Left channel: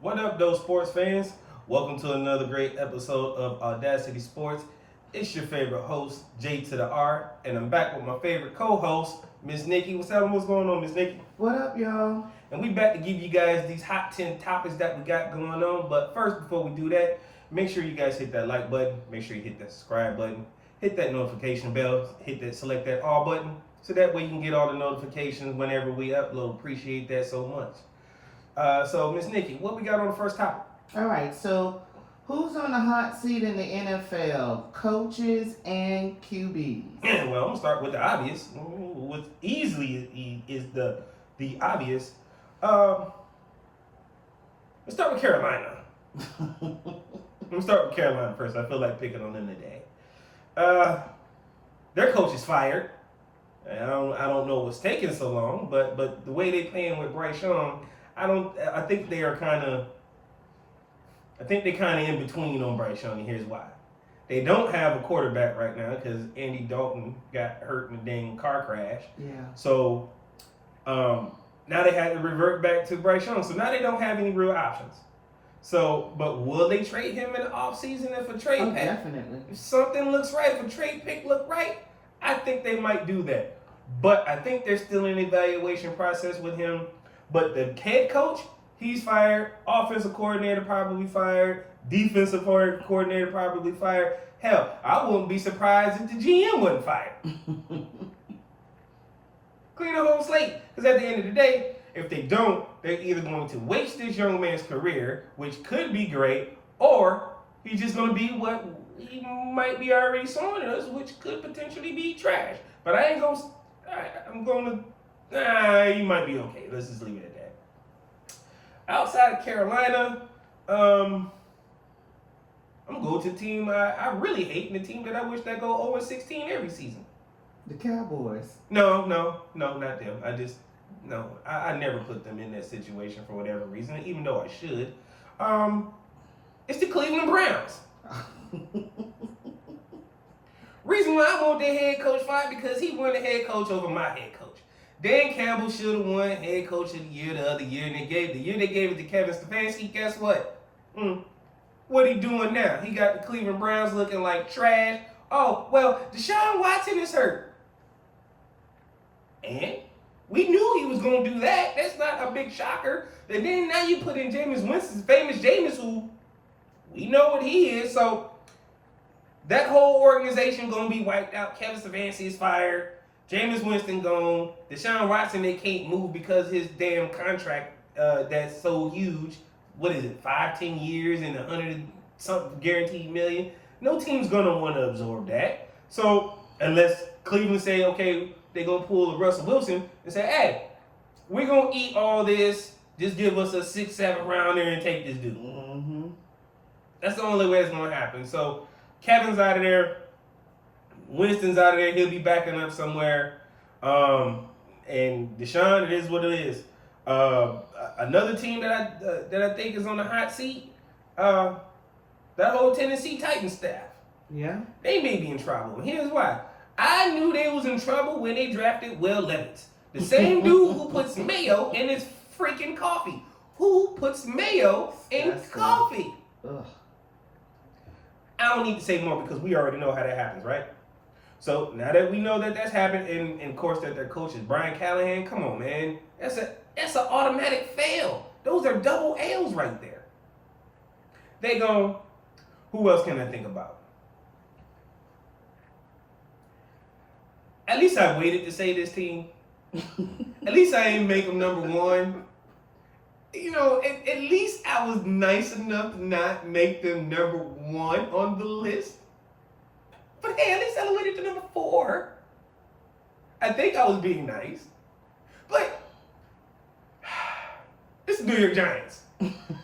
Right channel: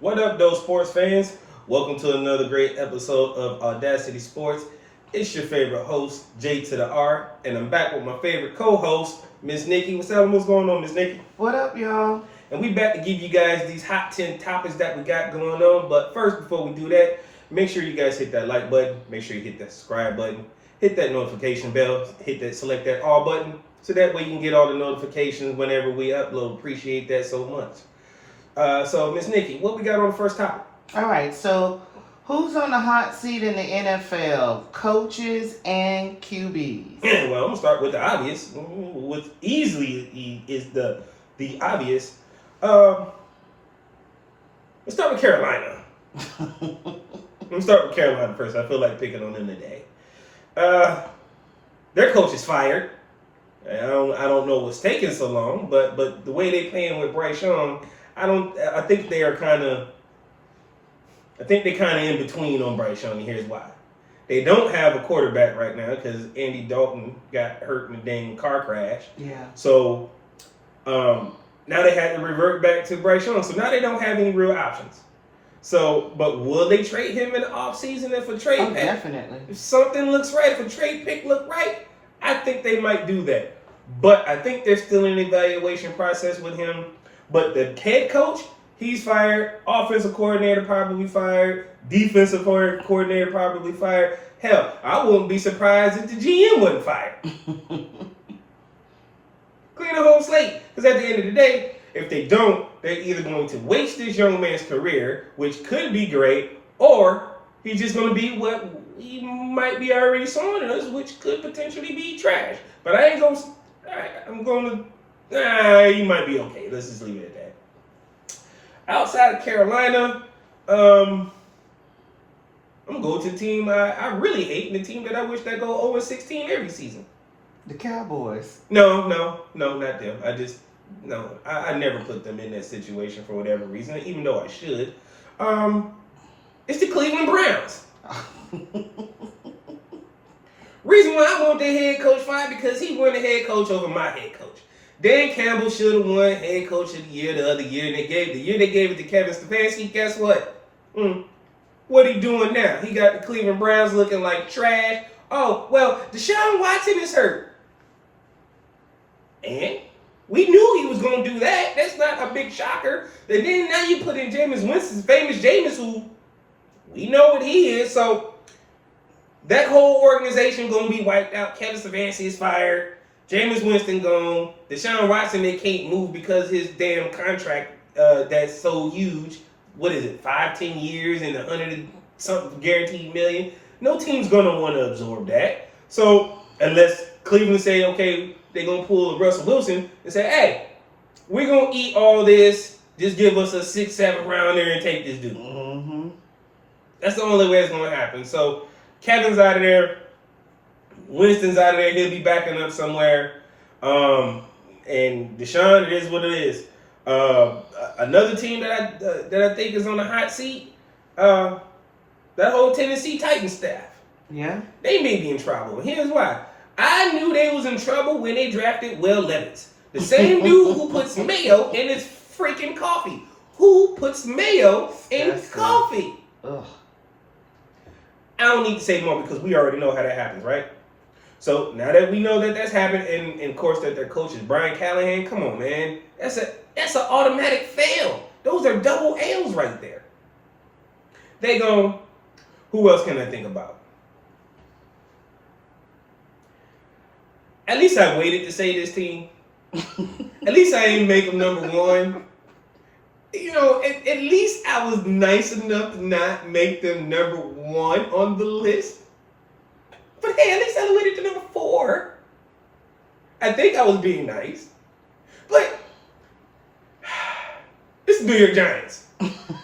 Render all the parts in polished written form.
What up, those sports fans? Welcome to another great episode of AwwDacity Sports. It's your favorite host, J2DaR, and I'm back with my favorite co-host, Miss Nikki. What's up? What's going on, Miss Nikki? What up, y'all? And we back to give you guys these hot 10 topics that we got going on. But first, before we do that, make sure you guys hit that like button. Make sure you hit that subscribe button. Hit that notification bell. Select that all button. So that way you can get all the notifications whenever we upload. Appreciate that so much. So, Miss Nikki, what we got on the first topic? All right, so who's on the hot seat in the NFL? Coaches and QBs. Well, I'm gonna start with the obvious. What easily is the obvious. Let's start with Carolina. Let's start with Carolina first. I feel like picking on them today. Their coach is fired. I don't know what's taking so long, but the way they playing with Bryce Young, I think they kind of in between on Bryce Young, and here's why. They don't have a quarterback right now because Andy Dalton got hurt in a dang car crash. Yeah. So now they had to revert back to Bryce Young. So now they don't have any real options. So, but will they trade him in the offseason if a trade pick? Definitely. If something looks right, if a trade pick look right, I think they might do that. But I think they're still in an evaluation process with him. But the head coach, he's fired. Offensive coordinator probably fired. Defensive coordinator probably fired. Hell, I wouldn't be surprised if the GM wasn't fired. Clean the whole slate. Because at the end of the day, if they don't, they're either going to waste this young man's career, which could be great, or he's just going to be what he might be already showing us, which could potentially be trash. But I ain't going to... I'm going to... he might be okay. Let's just leave it at that. Outside of Carolina, I'm going to go to the team I really hate, and the team that I wish that go 0-16 every season. The Cowboys. No, not them. I never put them in that situation for whatever reason, even though I should. It's the Cleveland Browns. Reason why I want their head coach fired because he won the head coach over my head coach. Dan Campbell should have won head coach of the year the other year, and they gave it to Kevin Stefanski. Guess what? What he doing now? He got the Cleveland Browns looking like trash. Oh, well, Deshaun Watson is hurt. And we knew he was going to do that. That's not a big shocker. And then now you put in Jameis Winston, famous Jameis, who we know what he is. So that whole organization going to be wiped out. Kevin Stefanski is fired. Jameis Winston gone. Deshaun Watson, they can't move because his damn contract that's so huge. What is it, 5-10 years and 100-something guaranteed million? No team's going to want to absorb that. So unless Cleveland say, okay, they're going to pull a Russell Wilson and say, hey, we're going to eat all this. Just give us a 6-7 rounder and take this dude. Mm-hmm. That's the only way it's going to happen. So Kevin's out of there. Winston's out of there. He'll be backing up somewhere. And Deshaun, it is what it is. Another team that I think is on the hot seat, that whole Tennessee Titans staff. Yeah. They may be in trouble. And here's why. I knew they was in trouble when they drafted Will Levis. The same dude who puts mayo in his freaking coffee. Who puts mayo in coffee? Ugh. I don't need to say more because we already know how that happens, right? So now that we know that that's happened, and of course that their coach is Brian Callahan, come on, man. That's an automatic fail. Those are double L's right there. They go, who else can I think about? At least I waited to say this team. At least I didn't make them number one. You know, at least I was nice enough to not make them number one on the list. But hey, at least I waited to number 4. I think I was being nice. But this is New York Giants.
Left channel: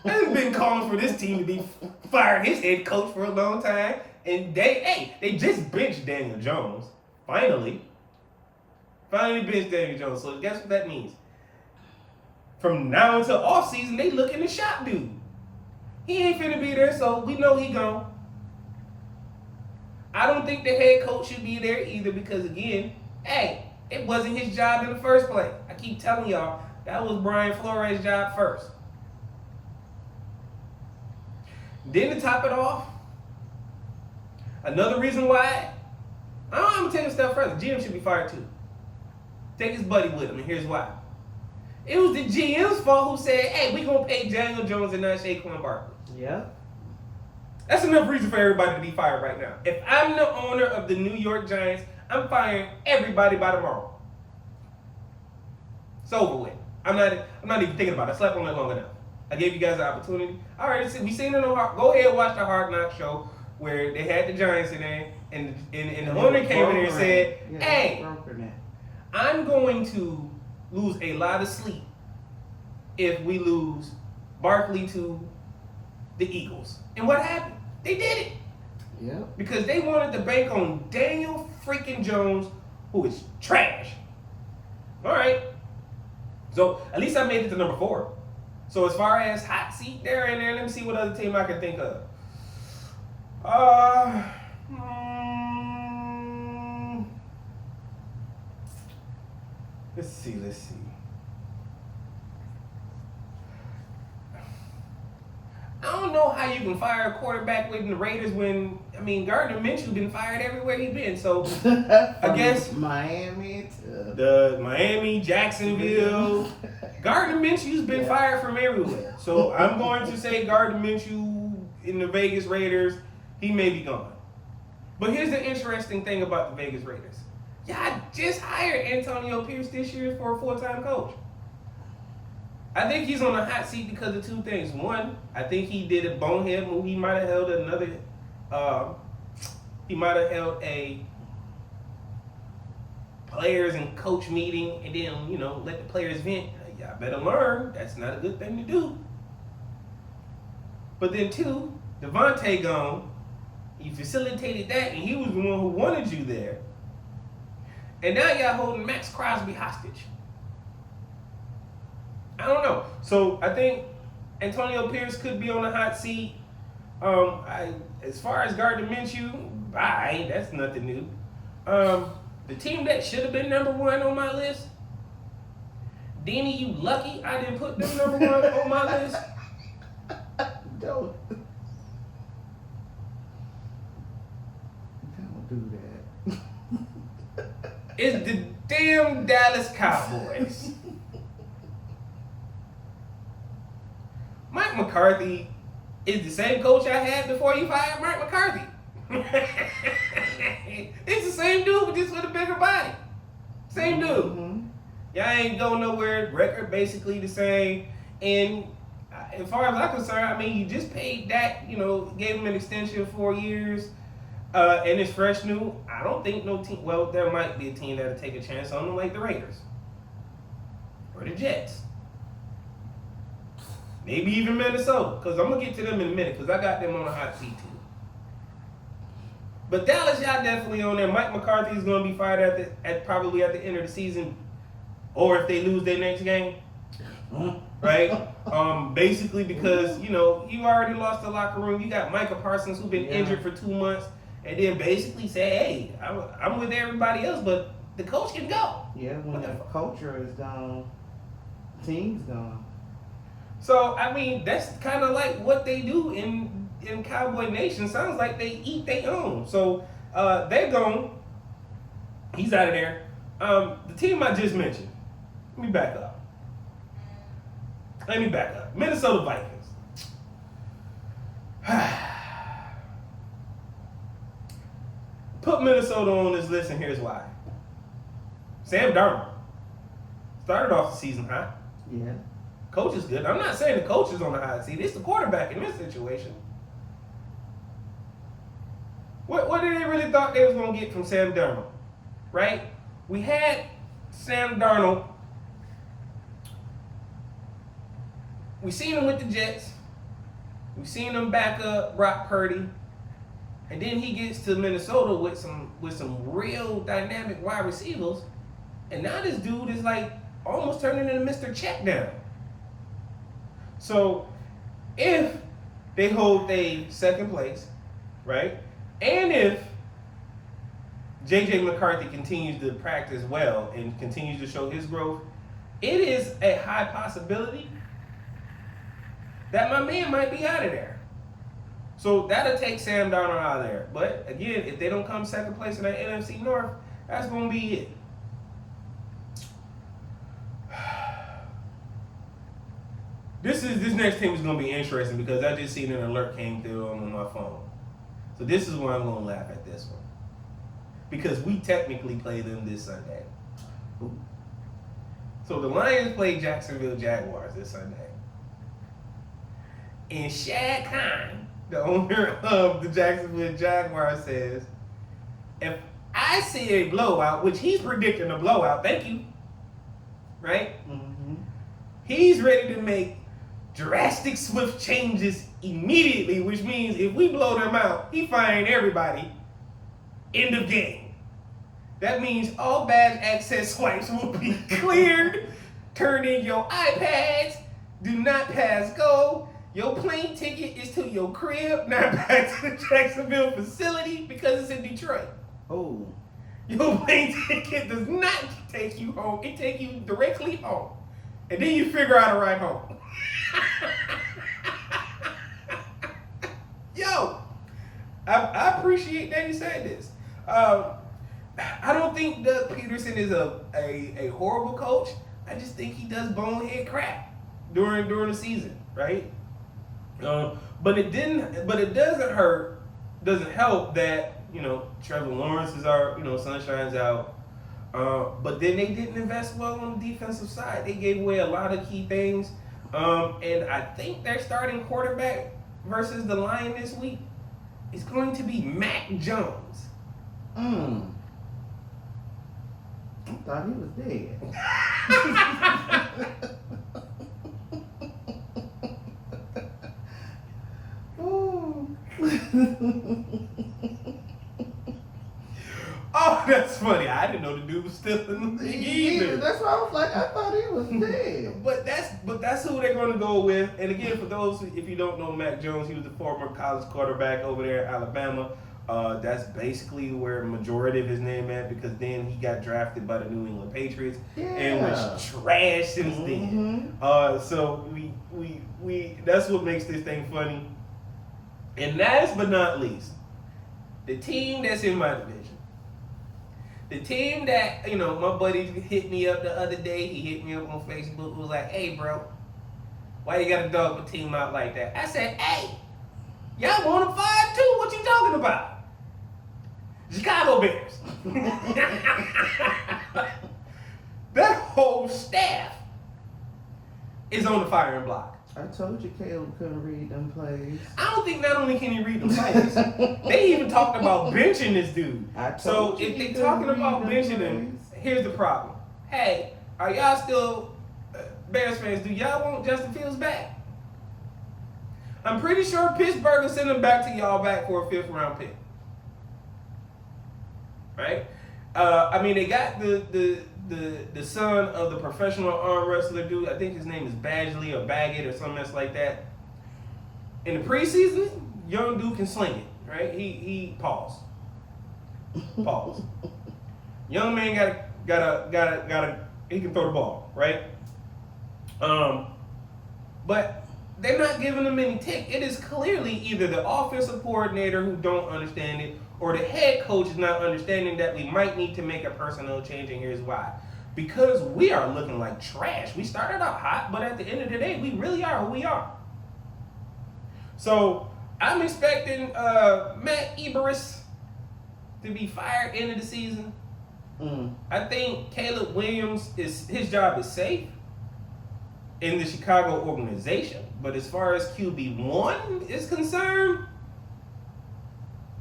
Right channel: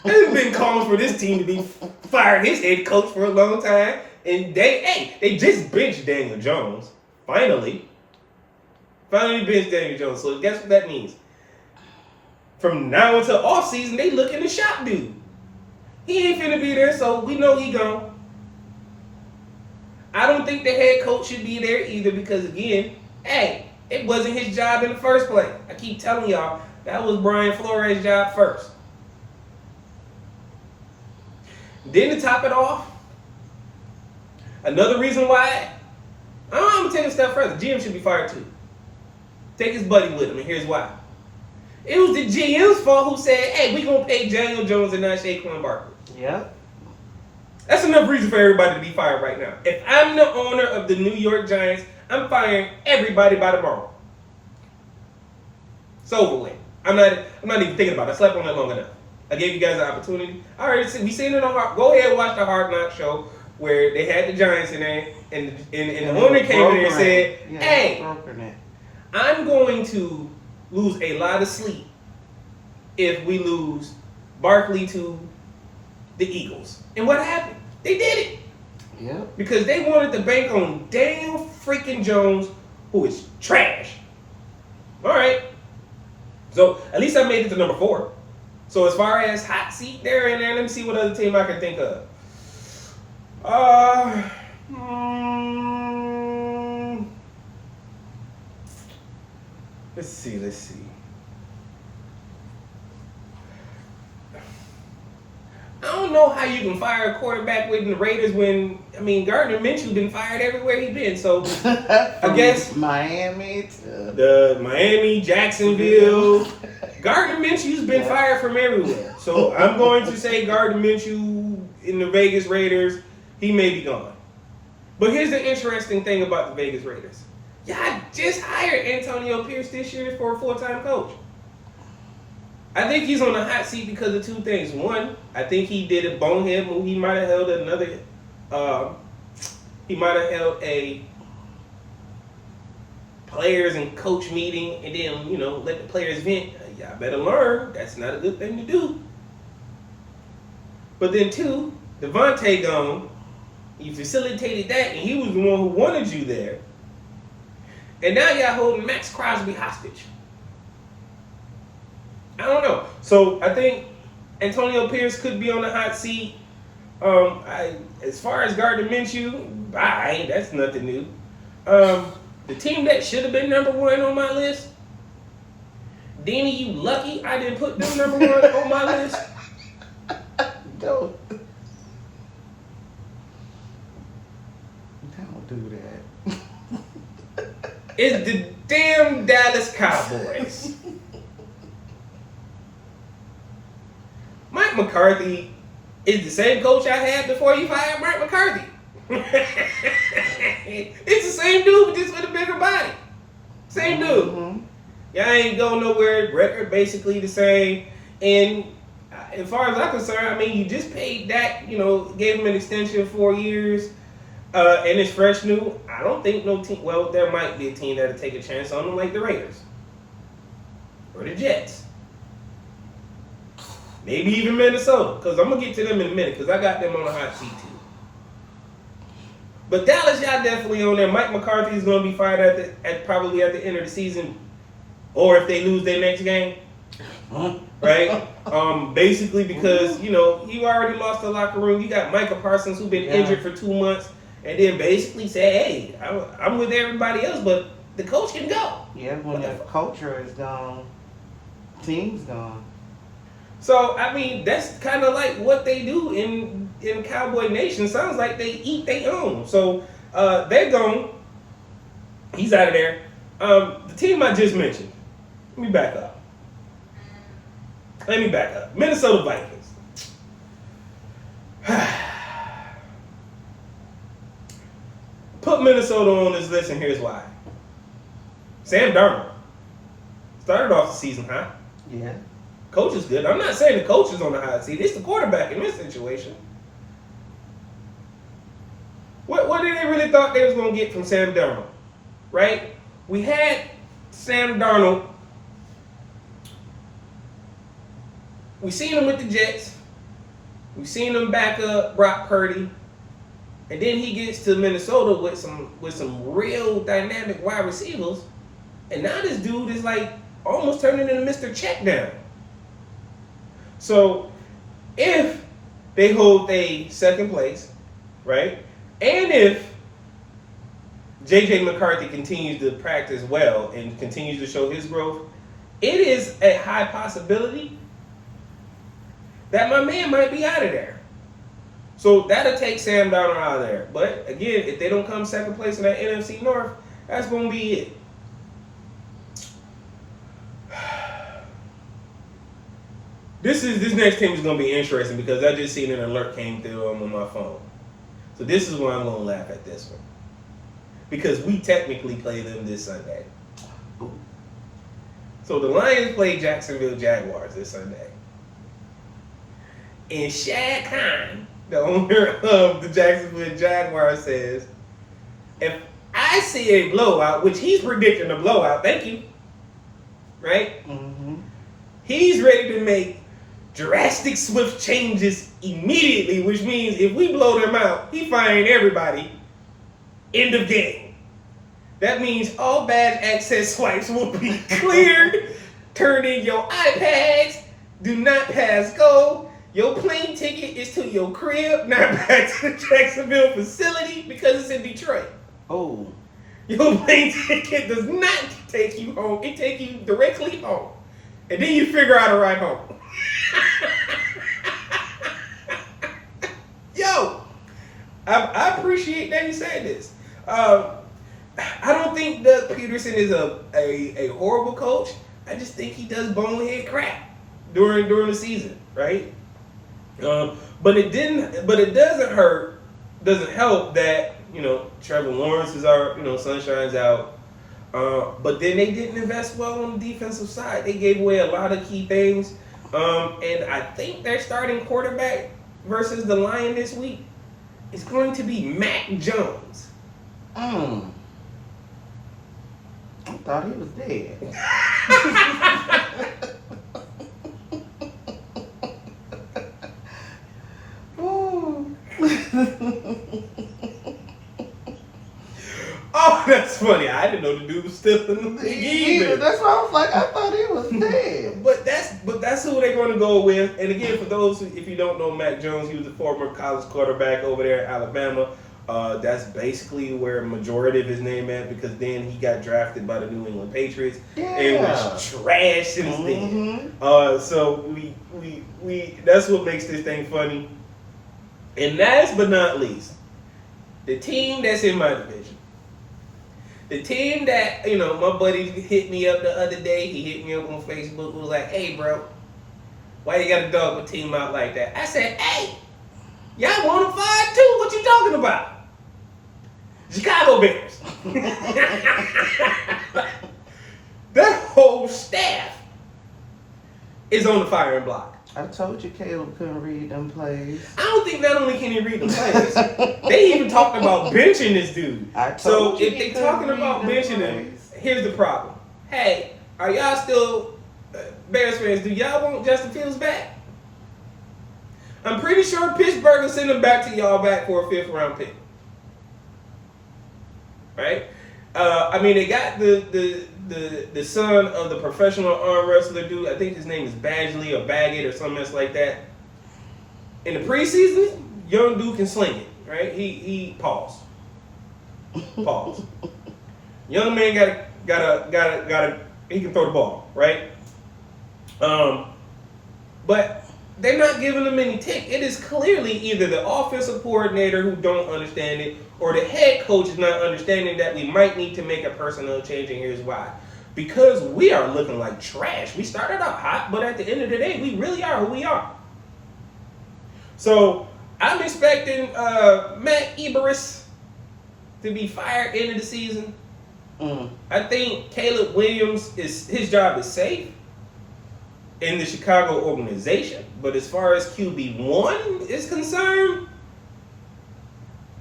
They've been calling for this team to be fired his head coach for a long time. And they just benched Daniel Jones. Finally benched Daniel Jones. So guess what that means? From now until offseason, they looking to shop dude. He ain't finna be there, so we know he gone. I don't think the head coach should be there either because, again, hey, it wasn't his job in the first place. I keep telling y'all, that was Brian Flores' job first. Then to top it off, another reason why, I'm going to take it a step further. GM should be fired too. Take his buddy with him, and here's why. It was the GM's fault who said, hey, we're going to pay Daniel Jones and not Saquon Barkley. Yep. That's enough reason for everybody to be fired right now. If I'm the owner of the New York Giants, I'm firing everybody by tomorrow. It's over with. I'm not even thinking about it. I slept on it long enough. I gave you guys an opportunity. I already we seen it on go ahead and watch the Hard Knock show where they had the Giants in there, and the owner came in there and said, hey, I'm going to lose a lot of sleep if we lose Barkley to the Eagles. And what happened? They did it. Yeah. Because they wanted to bank on Daniel freaking Jones, who is trash. All right. So at least I made it to number 4. So as far as hot seat there and there, let me see what other team I can think of. Let's see. I don't know how you can fire a quarterback with the Raiders when, Gardner Minshew been fired everywhere he been. So I guess Miami the Miami, Jacksonville. Gardner Minshew's been fired from everywhere. So I'm going to say Gardner Minshew in the Vegas Raiders, he may be gone. But here's the interesting thing about the Vegas Raiders. Y'all just hired Antonio Pierce this year for a full-time coach. I think he's on the hot seat because of 2 things. One, I think he did a bonehead move. He might have held a players and coach meeting and then, let the players vent. Y'all better learn. That's not a good thing to do. But then 2, Devontae gone. You facilitated that, and he was the one who wanted you there. And now y'all holding Max Crosby hostage. I don't know. So I think Antonio Pierce could be on the hot seat. As far as Gardner Minshew, bye. That's nothing new. The team that should have been number 1 on my list, Danny, you lucky I didn't put them number 1 on my list. Don't do that. It's the damn Dallas Cowboys. Mike McCarthy is the same coach I had before you fired Mike McCarthy. It's the same dude, but just with a bigger body. Same dude. Mm-hmm. Y'all ain't going nowhere. Record basically the same. And as far as I'm concerned, you just paid Dak, gave him an extension of 4 years. And it's fresh new. I don't think no team, well, there might be a team that'll take a chance on him like the Raiders. Or the Jets. Maybe even Minnesota, because I'm going to get to them in a minute, because I got them on the hot seat too. But Dallas, y'all definitely on there. Mike McCarthy is going to be fired probably at the end of the season, or if they lose their next game, right? Basically because, you already lost the locker room. You got Micah Parsons, who's been injured for 2 months, and then basically say, hey, I'm with everybody else, but the coach can go. Yeah, when the culture is gone, team's gone. So, that's kind of like what they do in Cowboy Nation. Sounds like they eat their own. So, they're gone. He's out of there. The team I just mentioned. Let me back up. Minnesota Vikings. Put Minnesota on this list, and here's why. Sam Darnold started off the season hot. Yeah. Coach is good. I'm not saying the coach is on the hot seat. It's the quarterback in this situation. What did they really thought they was going to get from Sam Darnold? Right? We had Sam Darnold. We seen him with the Jets. We seen him back up Brock Purdy. And then he gets to Minnesota with some real dynamic wide receivers. And now this dude is like almost turning into Mr. Checkdown. So if they hold a second place, right? And if J.J. McCarthy continues to practice well and continues to show his growth, it is a high possibility that my man might be out of there. So that'll take Sam Darnold out of there. But again, if they don't come second place in that NFC North, that's gonna be it. This next team is gonna be interesting because I just seen an alert came through on my phone. So this is where I'm gonna laugh at this one. Because we technically play them this Sunday. So the Lions play Jacksonville Jaguars this Sunday. And Shad Khan, the owner of the Jacksonville Jaguars, says, if I see a blowout, which he's predicting a blowout, thank you, right? Mm-hmm. He's ready to make drastic, swift changes immediately, which means if we blow them out, he firing everybody. End of game. That means all badge access swipes will be cleared. Turn in your iPads. Do not pass go. Your plane ticket is to your crib, not back to the Jacksonville facility because it's in Detroit. Oh. Your plane ticket does not take you home. It takes you directly home. And then you figure out a ride home. Yo, I appreciate that you said this. I don't think Doug Peterson is a horrible coach. I just think he does bonehead crap during the season, right? But it doesn't help that, Trevor Lawrence is our, sunshine's out. But then they didn't invest well on the defensive side. They gave away a lot of key things. And I think their starting quarterback versus the Lion this week is going to be Mac Jones. I thought he was dead. Oh, that's funny. I didn't know the dude was still in the league either. That's why I was like, I thought he was dead. But that's who they're going to go with. And again, for those if you don't know Mac Jones, he was a former college quarterback over there at Alabama. That's basically where majority of his name at because then he got drafted by the New England Patriots and was trash since then. So we that's what makes this thing funny. And last but not least, the team that's in my division. The team that, my buddy hit me up the other day, he hit me up on Facebook, was like, hey, bro, why you got to dog a team out like that? I said, hey, y'all want to fired too? What you talking about? Chicago Bears. That whole staff is on the firing block. I told you Caleb couldn't read them plays. I don't think not only can he read the plays, they even talked about benching this dude. So if they're talking about benching him, here's the problem. Hey, are y'all still Bears fans? Do y'all want Justin Fields back? I'm pretty sure Pittsburgh will send him back to y'all back for a 5th round pick. Right? They got the son of the professional arm wrestler dude. I think his name is Badgley or Baggett or something else like that. In the preseason, young dude can sling it, right? He pause. Young man got he can throw the ball, right? But they're not giving him any tick. It is clearly either the offensive coordinator who don't understand it or the head coach is not understanding that we might need to make a personnel change, and here's why. Because we are looking like trash. We started out hot, but at the end of the day, we really are who we are. So I'm expecting Matt Eberflus to be fired end of the season. I think Caleb Williams his job is safe in the Chicago organization, but as far as QB1 is concerned,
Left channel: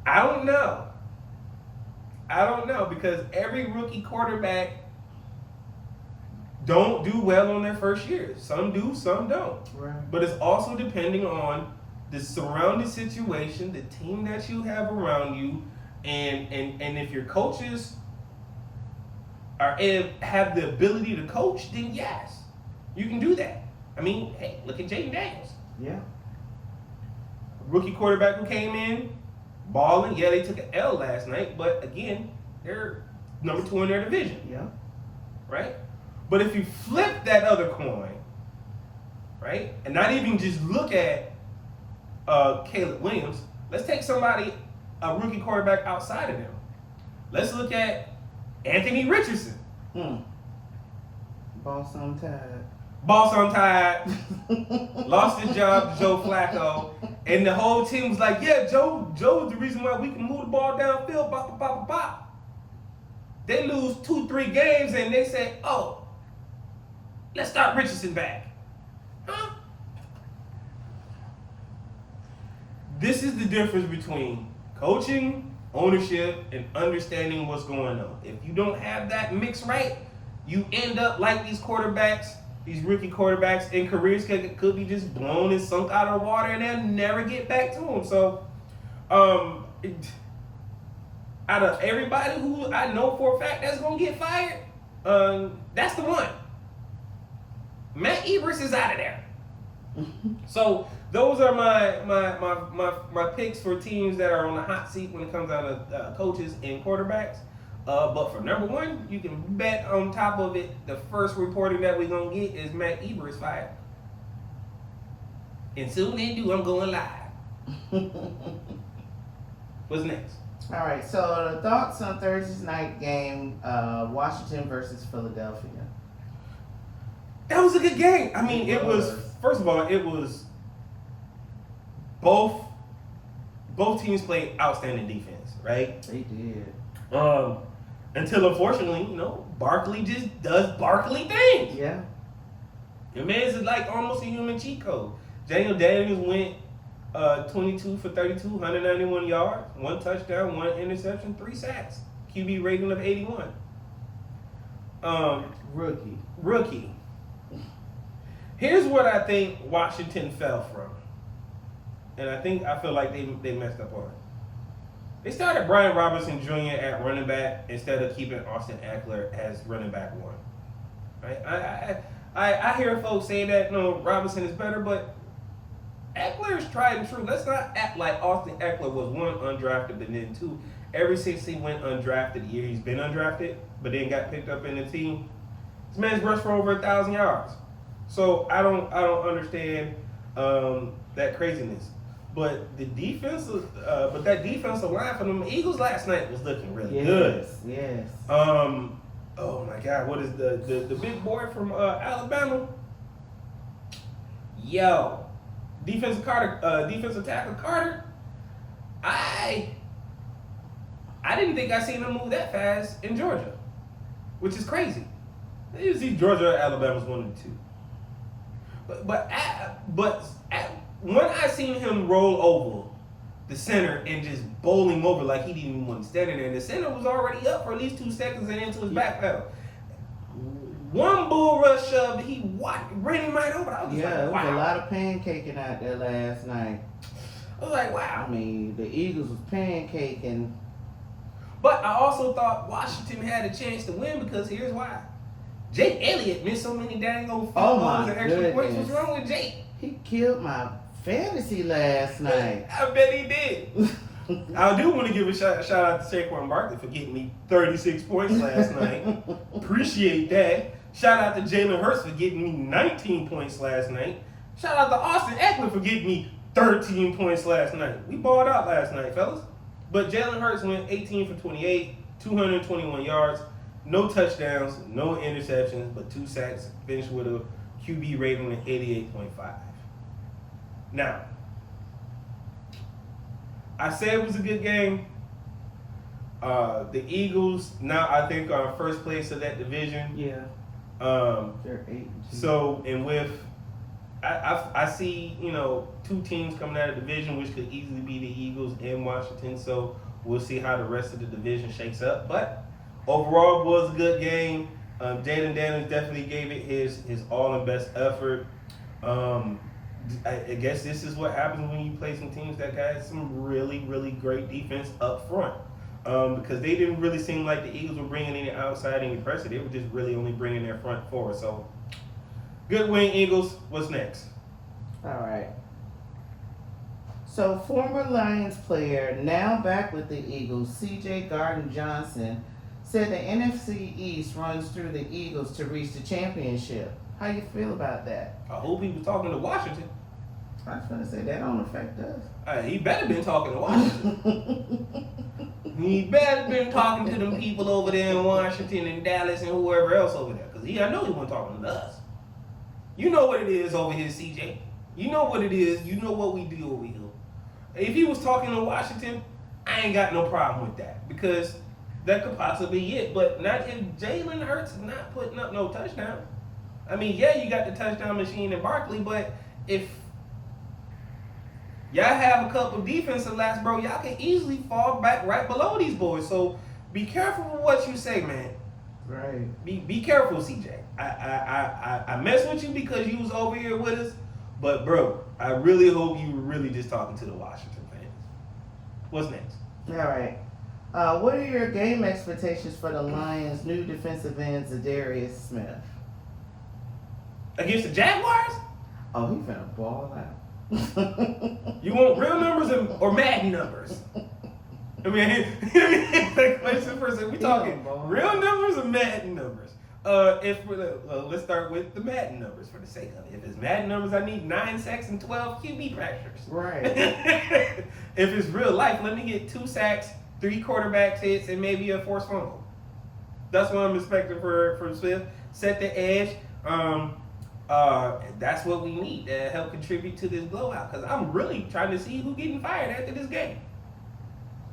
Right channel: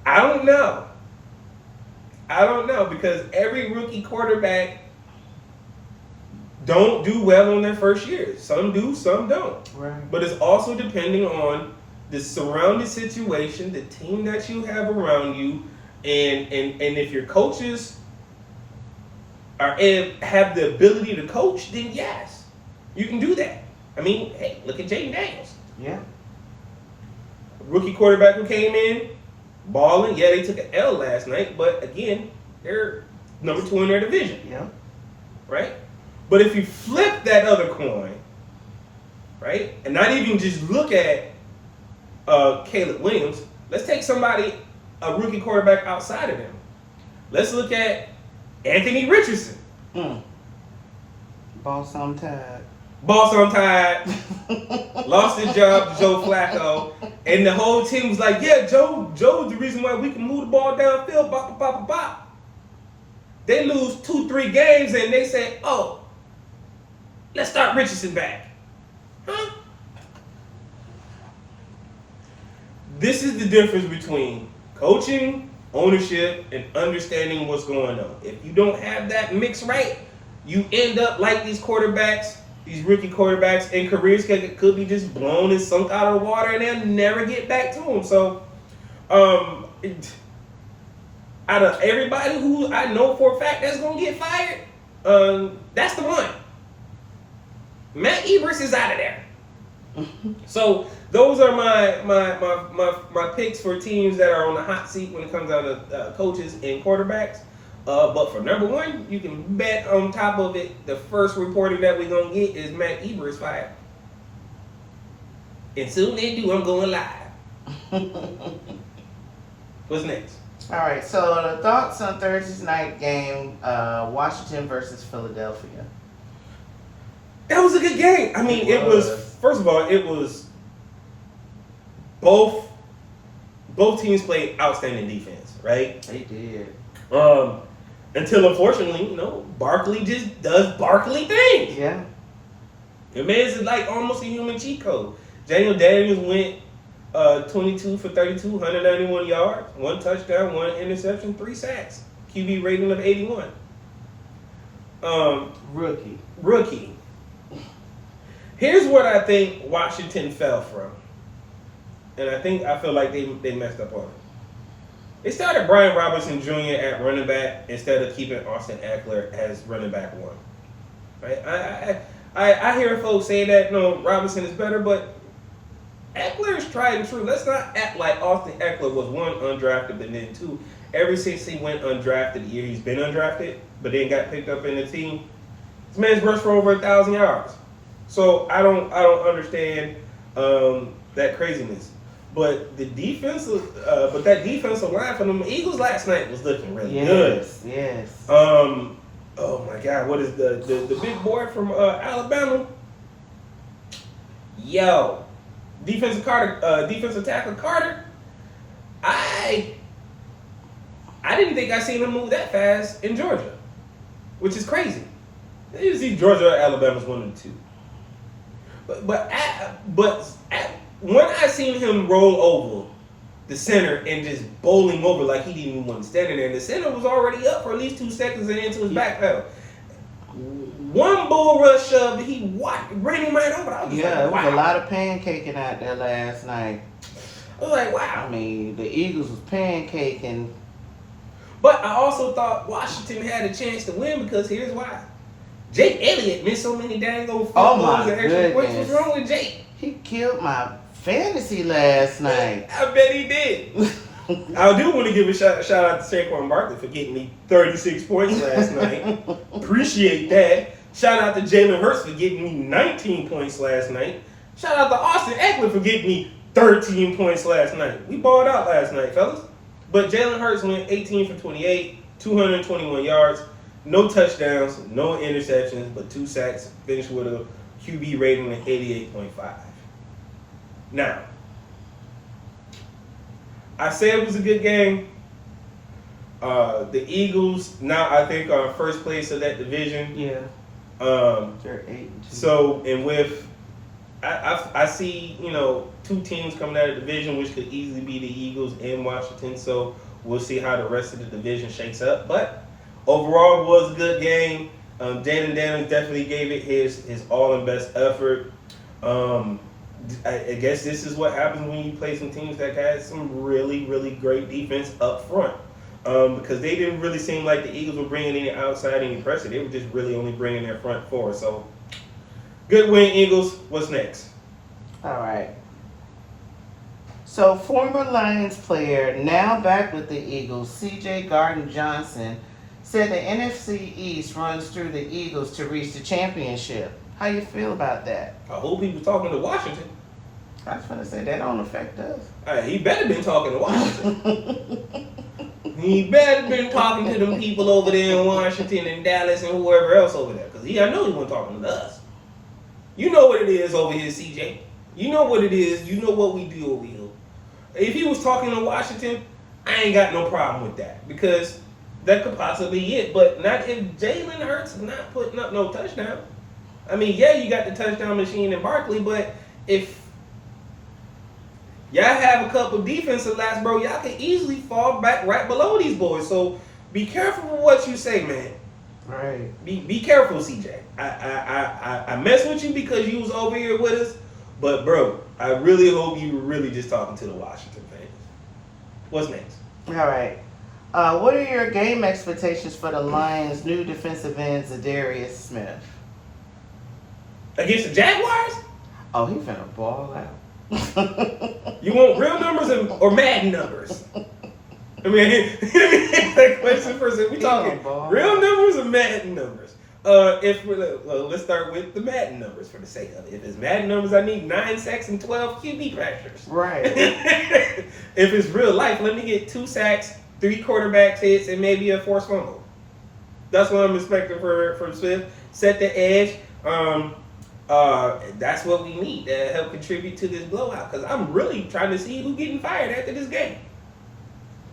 I don't know because every rookie quarterback don't do well on their first year. Some do, some don't. Right. But it's also depending on the surrounding situation, the team that you have around you, and if your coaches have the ability to coach, then yes, you can do that. Hey, look at J2 Daniels. Yeah. Rookie quarterback who came in, balling. Yeah, they took an L last night, but again, they're number 2 in their division. Yeah. Right? But if you flip that other coin, right, and not even just look at Caleb Williams, Let's take a rookie quarterback outside of them. Let's look at Anthony Richardson. Boss, I'm tired. Lost his job to Joe Flacco. And the whole team was like, yeah, Joe's the reason why we can move the ball downfield. Bop, bop, bop, bop. They lose 2-3 games and they say, oh, let's start Richardson back. Huh? This is the difference between coaching, ownership, and understanding what's going on. If you don't have that mix right, you end up like these quarterbacks, these rookie quarterbacks, and careers could be just blown and sunk out of the water, and they'll never get back to them. So, out of everybody who I know for a fact that's gonna get fired, that's the one. Matt Eberflus is out of there. So those are my picks for teams that are on the hot seat when it comes down to coaches and quarterbacks. But for number one, you can bet on top of it, the first reporting that we're going to get is Matt Eberflus fired. And soon they do, I'm going live. What's next? All right, so the thoughts on Thursday's night game, Washington versus Philadelphia. That was a good game. I mean, it was, first of all, it was both teams played outstanding defense, right? They did. Until unfortunately, Barkley just does Barkley things. Yeah. It makes it like almost a human cheat code. Daniel Daniels went 22 for 32, 191 yards, 1 touchdown, 1 interception, 3 sacks. QB rating of 81. Rookie. Here's what I think Washington fell from. And I feel like they messed up on it. They started Brian Robinson Jr. at running back instead of keeping Austin Eckler as running back 1. Right? I hear folks say that Robinson is better, but Eckler is tried and true. Let's not act like Austin Eckler was 1 undrafted, but then 2. Ever since he went undrafted, the year he's been undrafted, but then got picked up in the team, this man's rushed for over 1,000 yards. So I don't understand that craziness. But that defensive line for them Eagles last night was looking really good. Yes. Oh my God, what is the big boy from Alabama? Yo, defensive tackle Carter. I didn't think I seen him move that fast in Georgia, which is crazy. You see Georgia or Alabama's 1 and 2. But when I seen him roll over the center and just bowl him over like he didn't even want to stand in there, and the center was already up for at least 2 seconds and into his back pedal. One bull rush shove, he ran him right over. I was like, wow. There was a lot of pancaking out there last night. I was like, wow. I mean, the Eagles was pancaking. But I also thought Washington had a chance to win because here's why. Jake Elliott missed so many dang old field goals and extra points. What's wrong with Jake? He killed my fantasy last night. I bet he did. I do want to give a shout out to Saquon Barkley for getting me 36 points last night. Appreciate that. Shout out to Jalen Hurts for getting me 19 points last night. Shout out to Austin Eckler for getting me 13 points last night. We balled out last night, fellas. But Jalen Hurts went 18 for 28, 221 yards, no touchdowns, no interceptions, but 2 sacks, finished with a QB rating of 88.5. Now, I said it was a good game. The Eagles now I think are in first place of that division. Yeah. They're 8. So and with I see 2 teams coming out of the division, which could easily be the Eagles and Washington. So we'll see how the rest of the division shakes up. But overall, it was a good game. Jaden Daniels definitely gave it his all and best effort. I guess this is what happens when you play some teams that had some really, really great defense up front. Because they didn't really seem like the Eagles were bringing any outside, any pressure. They were just really only bringing their front four. So, good win, Eagles. What's next? All right. So, former Lions player, now back with the Eagles, C.J. Gardner-Johnson, said the NFC East runs through the Eagles to reach the championship. How you feel about that? I hope he was talking to Washington. That's gonna say that don't affect us. He better been talking to Washington. He better been talking to them people over there in Washington and Dallas and whoever else over there. Because I know he wasn't talking to us. You know what it is over here, CJ. You know what it is. You know what we do over here. If he was talking to Washington, I ain't got no problem with that. Because that could possibly be it. But not if Jalen Hurts is not putting up no touchdown. I mean, yeah, you got the touchdown machine in Barkley, but if y'all have a couple defensive laps, bro, y'all can easily fall back right below these boys. So be careful with what you say, man. Right. Be careful, CJ. I mess with you because you was over here with us, but bro, I really hope you were really just talking to the Washington fans. What's next? All right. What are your game expectations for the Lions' new defensive end, DariousSmith? Against the Jaguars? Oh, he finna ball out. You want real numbers or Madden numbers? I mean, that question first. We talking real numbers or Madden numbers? Let's start with the Madden numbers for the sake of it. If it's Madden numbers, I need 9 sacks and 12 QB pressures. Right. If it's real life, let me get 2 sacks, 3 quarterback hits, and maybe a forced fumble. That's what I'm expecting from Swift. Set the edge. That's what we need to help contribute to this blowout. Because I'm really trying to see who's getting fired after this game.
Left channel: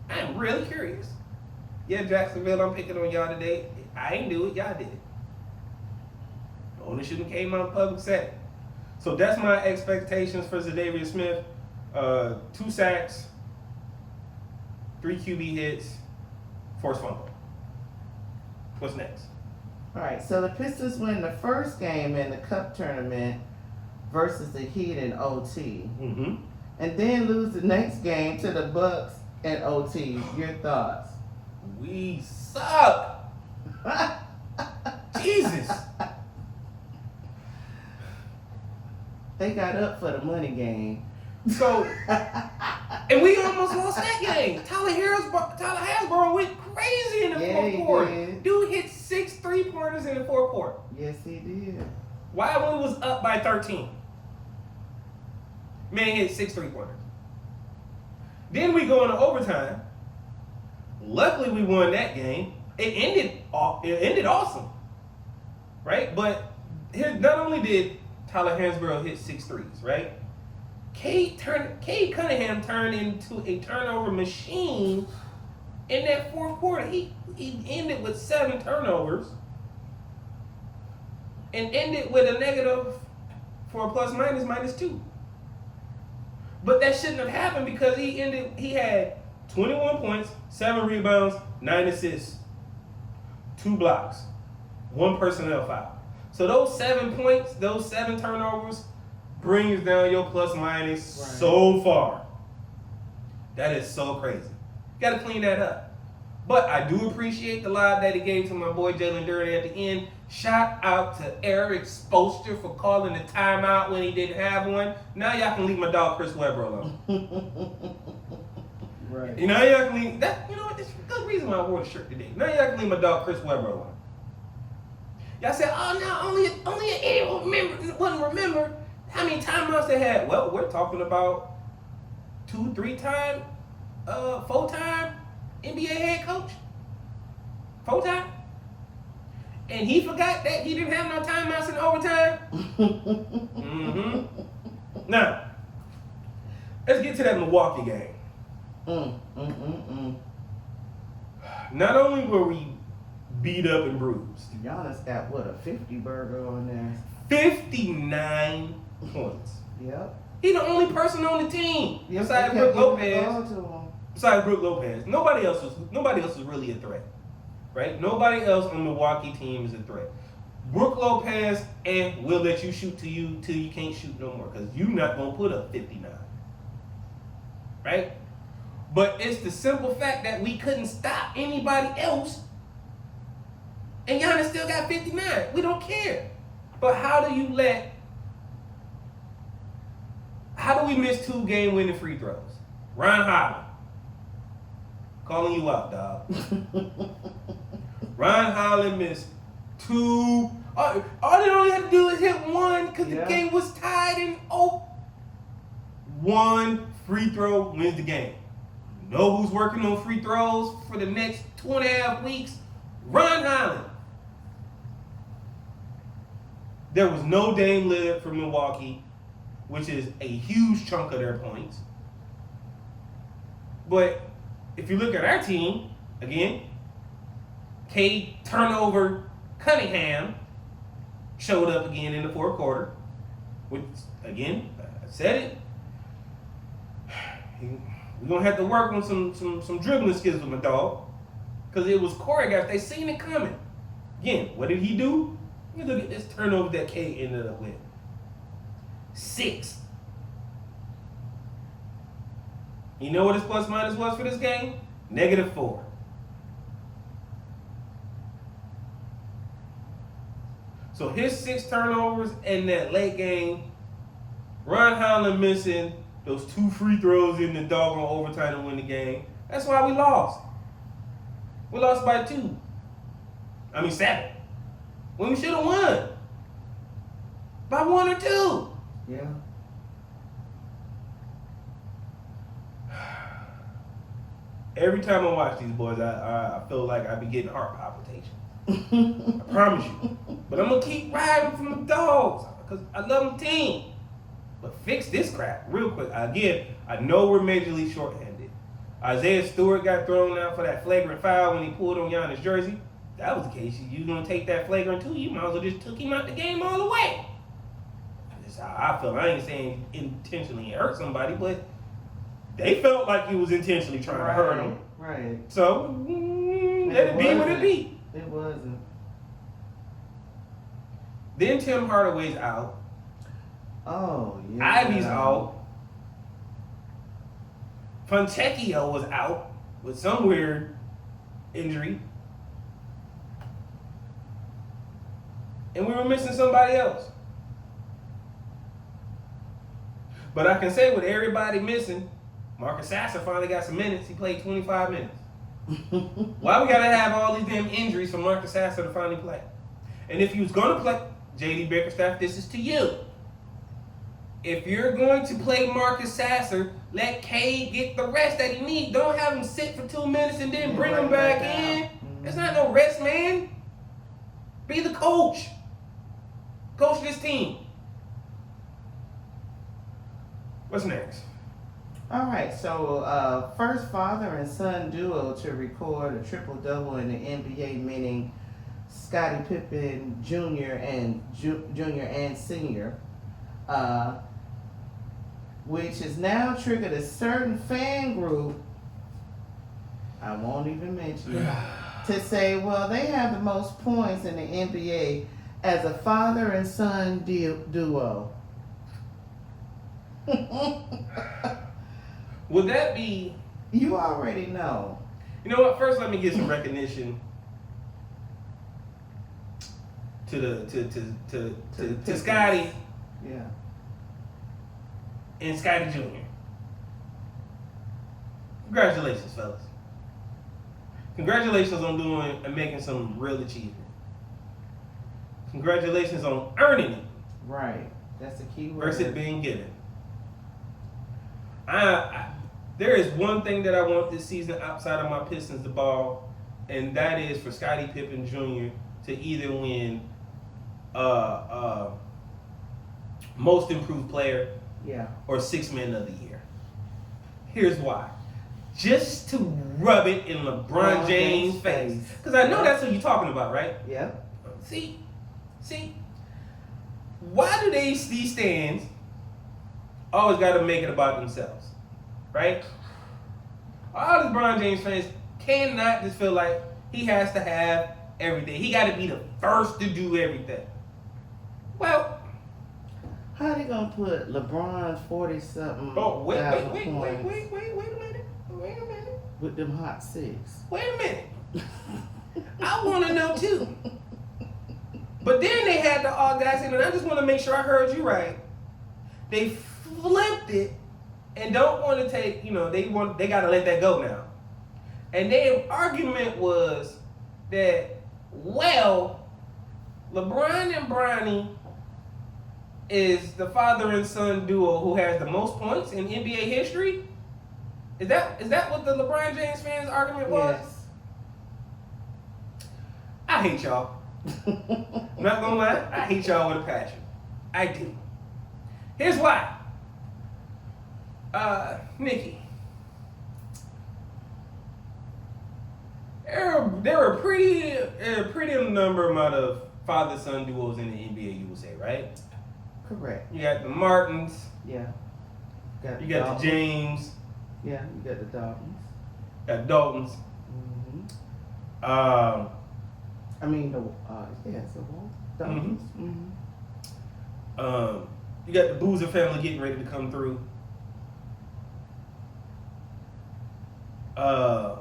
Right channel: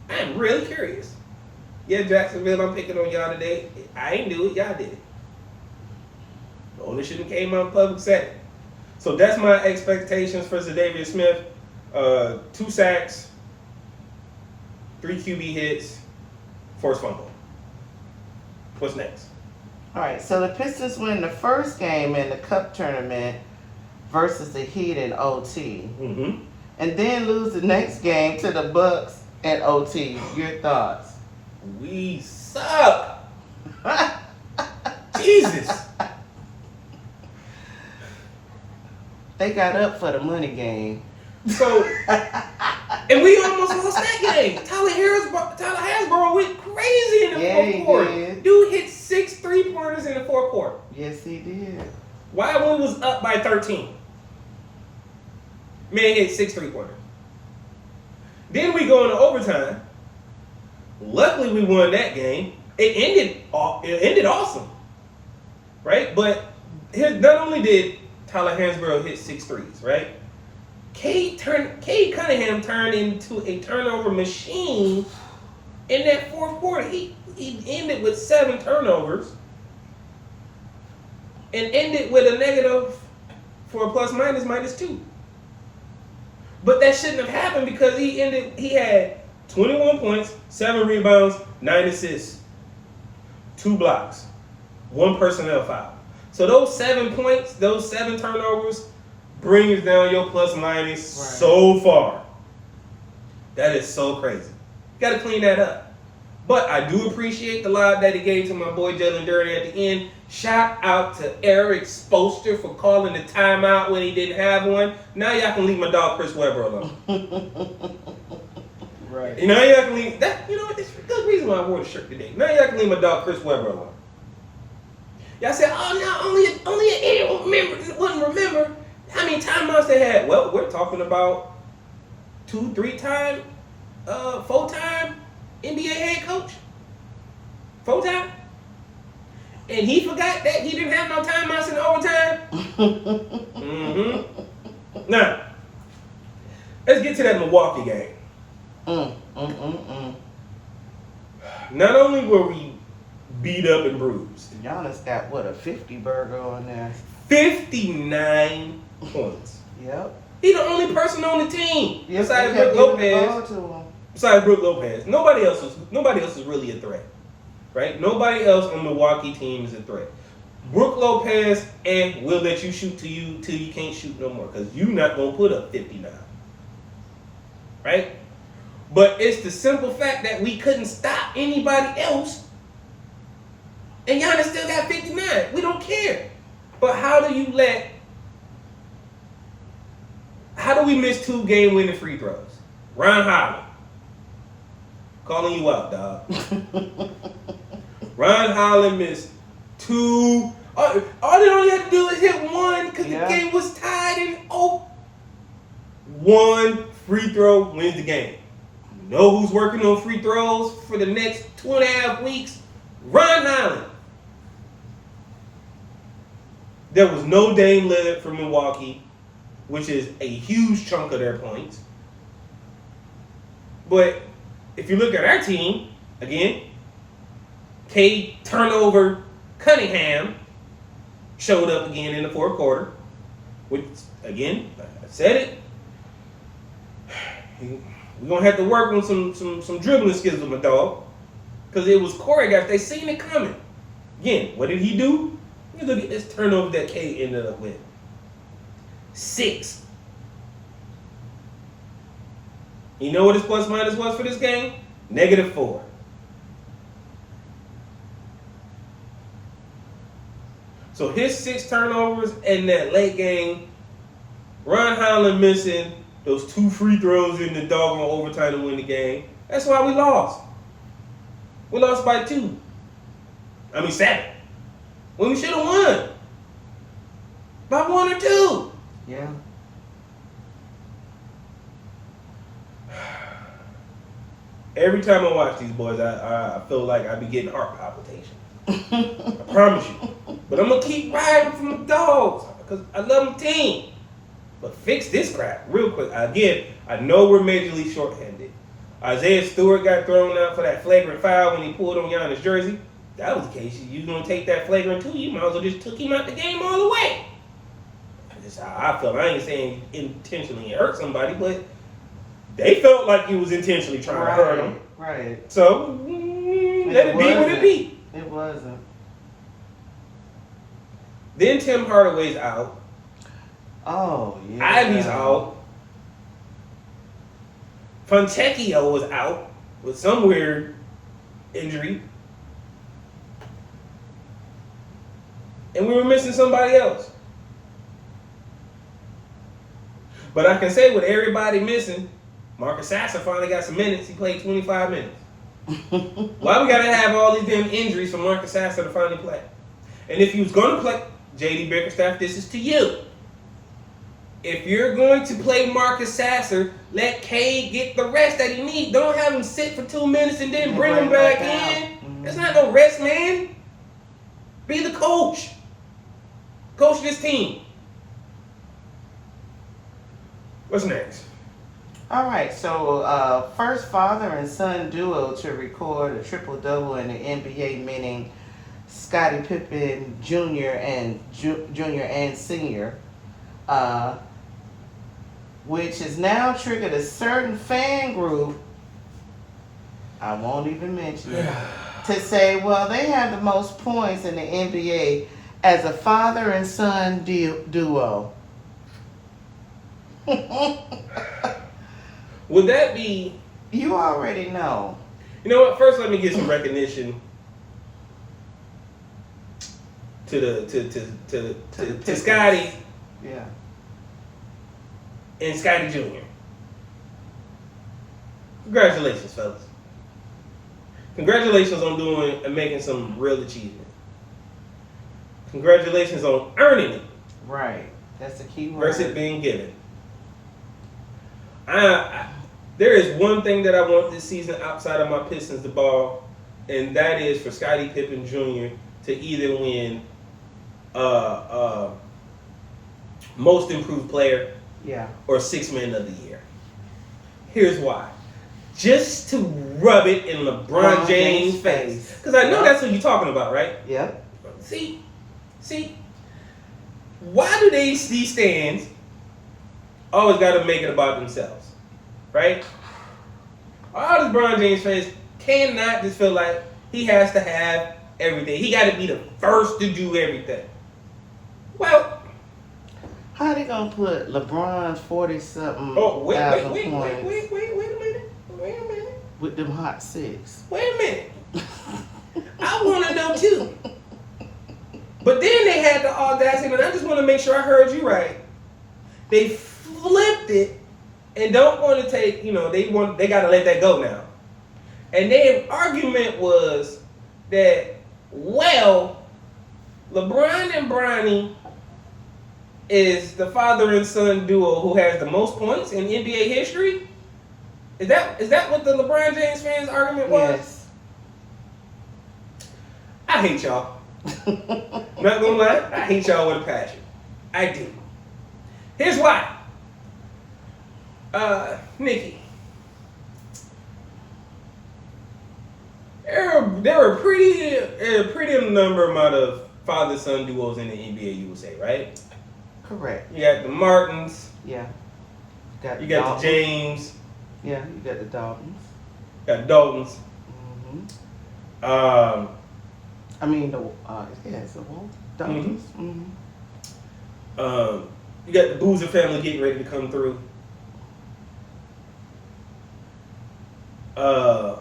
I am really curious. Yeah, Jacksonville, I'm picking on y'all today. I ain't do it. Y'all did it. The owner shouldn't have came out public said it. So that's my expectations for DariousSmith. 2 sacks, 3 QB hits, forced fumble. What's next? All right, so the Pistons win the first game in the Cup tournament versus the Heat in OT. Mm-hmm. And then lose the next game to the Bucks at OT. Your thoughts? We suck. Jesus. They got up for the money game. So, and we almost lost that game. Tyler Hasbro went crazy in the fourth quarter. Did. Dude hit 6 3-pointers in the fourth quarter. Yes, he did. Why when we was up by 13? Man hit 6 3-pointers. Then we go into overtime. Luckily, we won that game. It ended awesome, right? But not only did Tyler Hansborough hit 6 threes, right? Cade Cunningham turned into a turnover machine in that fourth quarter. He ended with 7 turnovers and ended with a negative for a plus minus -2. But that shouldn't have happened because he had 21 points, 7 rebounds, 9 assists, 2 blocks, 1 personnel foul. So those 7 points, those 7 turnovers brings down your plus minus so far. That is so crazy. You got to clean that up. But I do appreciate the lob that he gave to my boy Jalen Durden at the end. Shout out to Eric Spoelstra for calling the timeout when he didn't have one. Now y'all can leave my dog Chris Webber alone. Right. You know, y'all can leave that. You know what? That's a good reason why I wore the shirt today. Now y'all can leave my dog Chris Webber alone. Y'all said, "Oh, no, only an idiot wouldn't remember how many timeouts they had." Well, we're talking about 2-3-time, 4-time NBA head coach. 4-time. And he forgot that he didn't have no timeouts in overtime. Mm-hmm. Now, let's get to that Milwaukee game. Not only were we beat up and bruised. Giannis got, what, a 50 burger on there? 59 points. Yep. He's the only person on the team Yep, besides Brook Lopez. Nobody else is really a threat, right? Nobody else on the Milwaukee team is a threat. Brook Lopez and will let you shoot till you can't shoot no more because you're not gonna put up 59, right? But it's the simple fact that we couldn't stop anybody else, and Giannis still got 59. We don't care. But how do we miss 2 game-winning free throws? Ron Holland. Calling you out, dog. Ron Holland missed 2. All they only had to do is hit 1 because the game was tied and One free throw wins the game. You know who's working on free throws for the next 2.5 weeks? Ron Holland. There was no Dame Lillard for Milwaukee, which is a huge chunk of their points. But if you look at our team, again, K turnover Cunningham showed up again in the fourth quarter. Which, again, I said it. We're going to have to work on some dribbling skills with my dog. Because it was choreographed. They seen it coming. Again, what did he do? You look at this turnover that K ended up with. 6. You know what his plus minus was for this game? -4. So his 6 turnovers in that late game, Ron Holland missing those 2 free throws in the doggone overtime to win the game. That's why we lost. We lost by 2. 7. When we should have won. By 1 or 2. Yeah. Every time I watch these boys, I feel like I be getting heart palpitations. I promise you. But I'm going to keep riding for my dogs because I love my team. But fix this crap real quick. Again, I know we're majorly shorthanded. Isaiah Stewart got thrown out for that flagrant foul when he pulled on Giannis' jersey. That was the case. You going to take that flagrant too, you might as well just took him out the game all the way. That's how I feel. I ain't saying intentionally hurt somebody, but they felt like he was intentionally trying to hurt him. Right. So, let it be what it be. It wasn't. Then Tim Hardaway's out. Oh, yeah. Ivy's out. Fontecchio was out with some weird injury. And we were missing somebody else. But I can say with everybody missing, Marcus Sasser finally got some minutes. He played 25 minutes. Why we gotta have all these damn injuries for Marcus Sasser to finally play? And if he was gonna play, J.D. Bickerstaff, this is to you. If you're going to play Marcus Sasser, let K get the rest that he needs. Don't have him sit for 2 minutes and then bring him back in. That's not no rest, man. Be the coach. Coach this team. What's next? All right, so first father and son duo to record a triple-double in the NBA, meaning Scottie Pippen Jr. and Sr., which has now triggered a certain fan group, I won't even mention it, to say, well, they have the most points in the NBA as a father and son duo. Would that be? You already know. You know what? First, let me give some recognition to Scotty. Yeah. And Scotty Jr. Congratulations, fellas. Congratulations on doing and making some real achievement. Congratulations on earning it. Right. That's the key word. Versus it being given. There is one thing that I want this season outside of my Pistons to ball, and that is for Scottie Pippen Jr. to either win Most Improved Player or Sixth Man of the Year. Here's why. Just to rub it in LeBron James' face. Because I know that's what you're talking about, right? Yeah. See, why do these stands always got to make it about themselves, right? All this LeBron James fans cannot just feel like he has to have everything. He got to be the first to do everything. Well, how they gonna put LeBron's 40-something? Oh, wait a minute. With them hot 6. Wait a minute. I want to know too. But then they had the audacity, and I just want to make sure I heard you right. They flipped it and don't want to take, they got to let that go now. And their argument was that, well, LeBron and Bronny is the father and son duo who has the most points in NBA history? Is that what the LeBron James fans' argument was? Yes. I hate y'all. Not gonna lie, I hate y'all with a passion. I do. Here's why. Nikki. There were a pretty number amount of father-son duos in the NBA, you would say, right? Correct. You got the Martins. Yeah. You got the James. Yeah, you got the Daltons. Got Daltons. Mm-hmm. I mean, it's the Daltons. Mm-hmm. You got the Boozer family getting ready to come through. I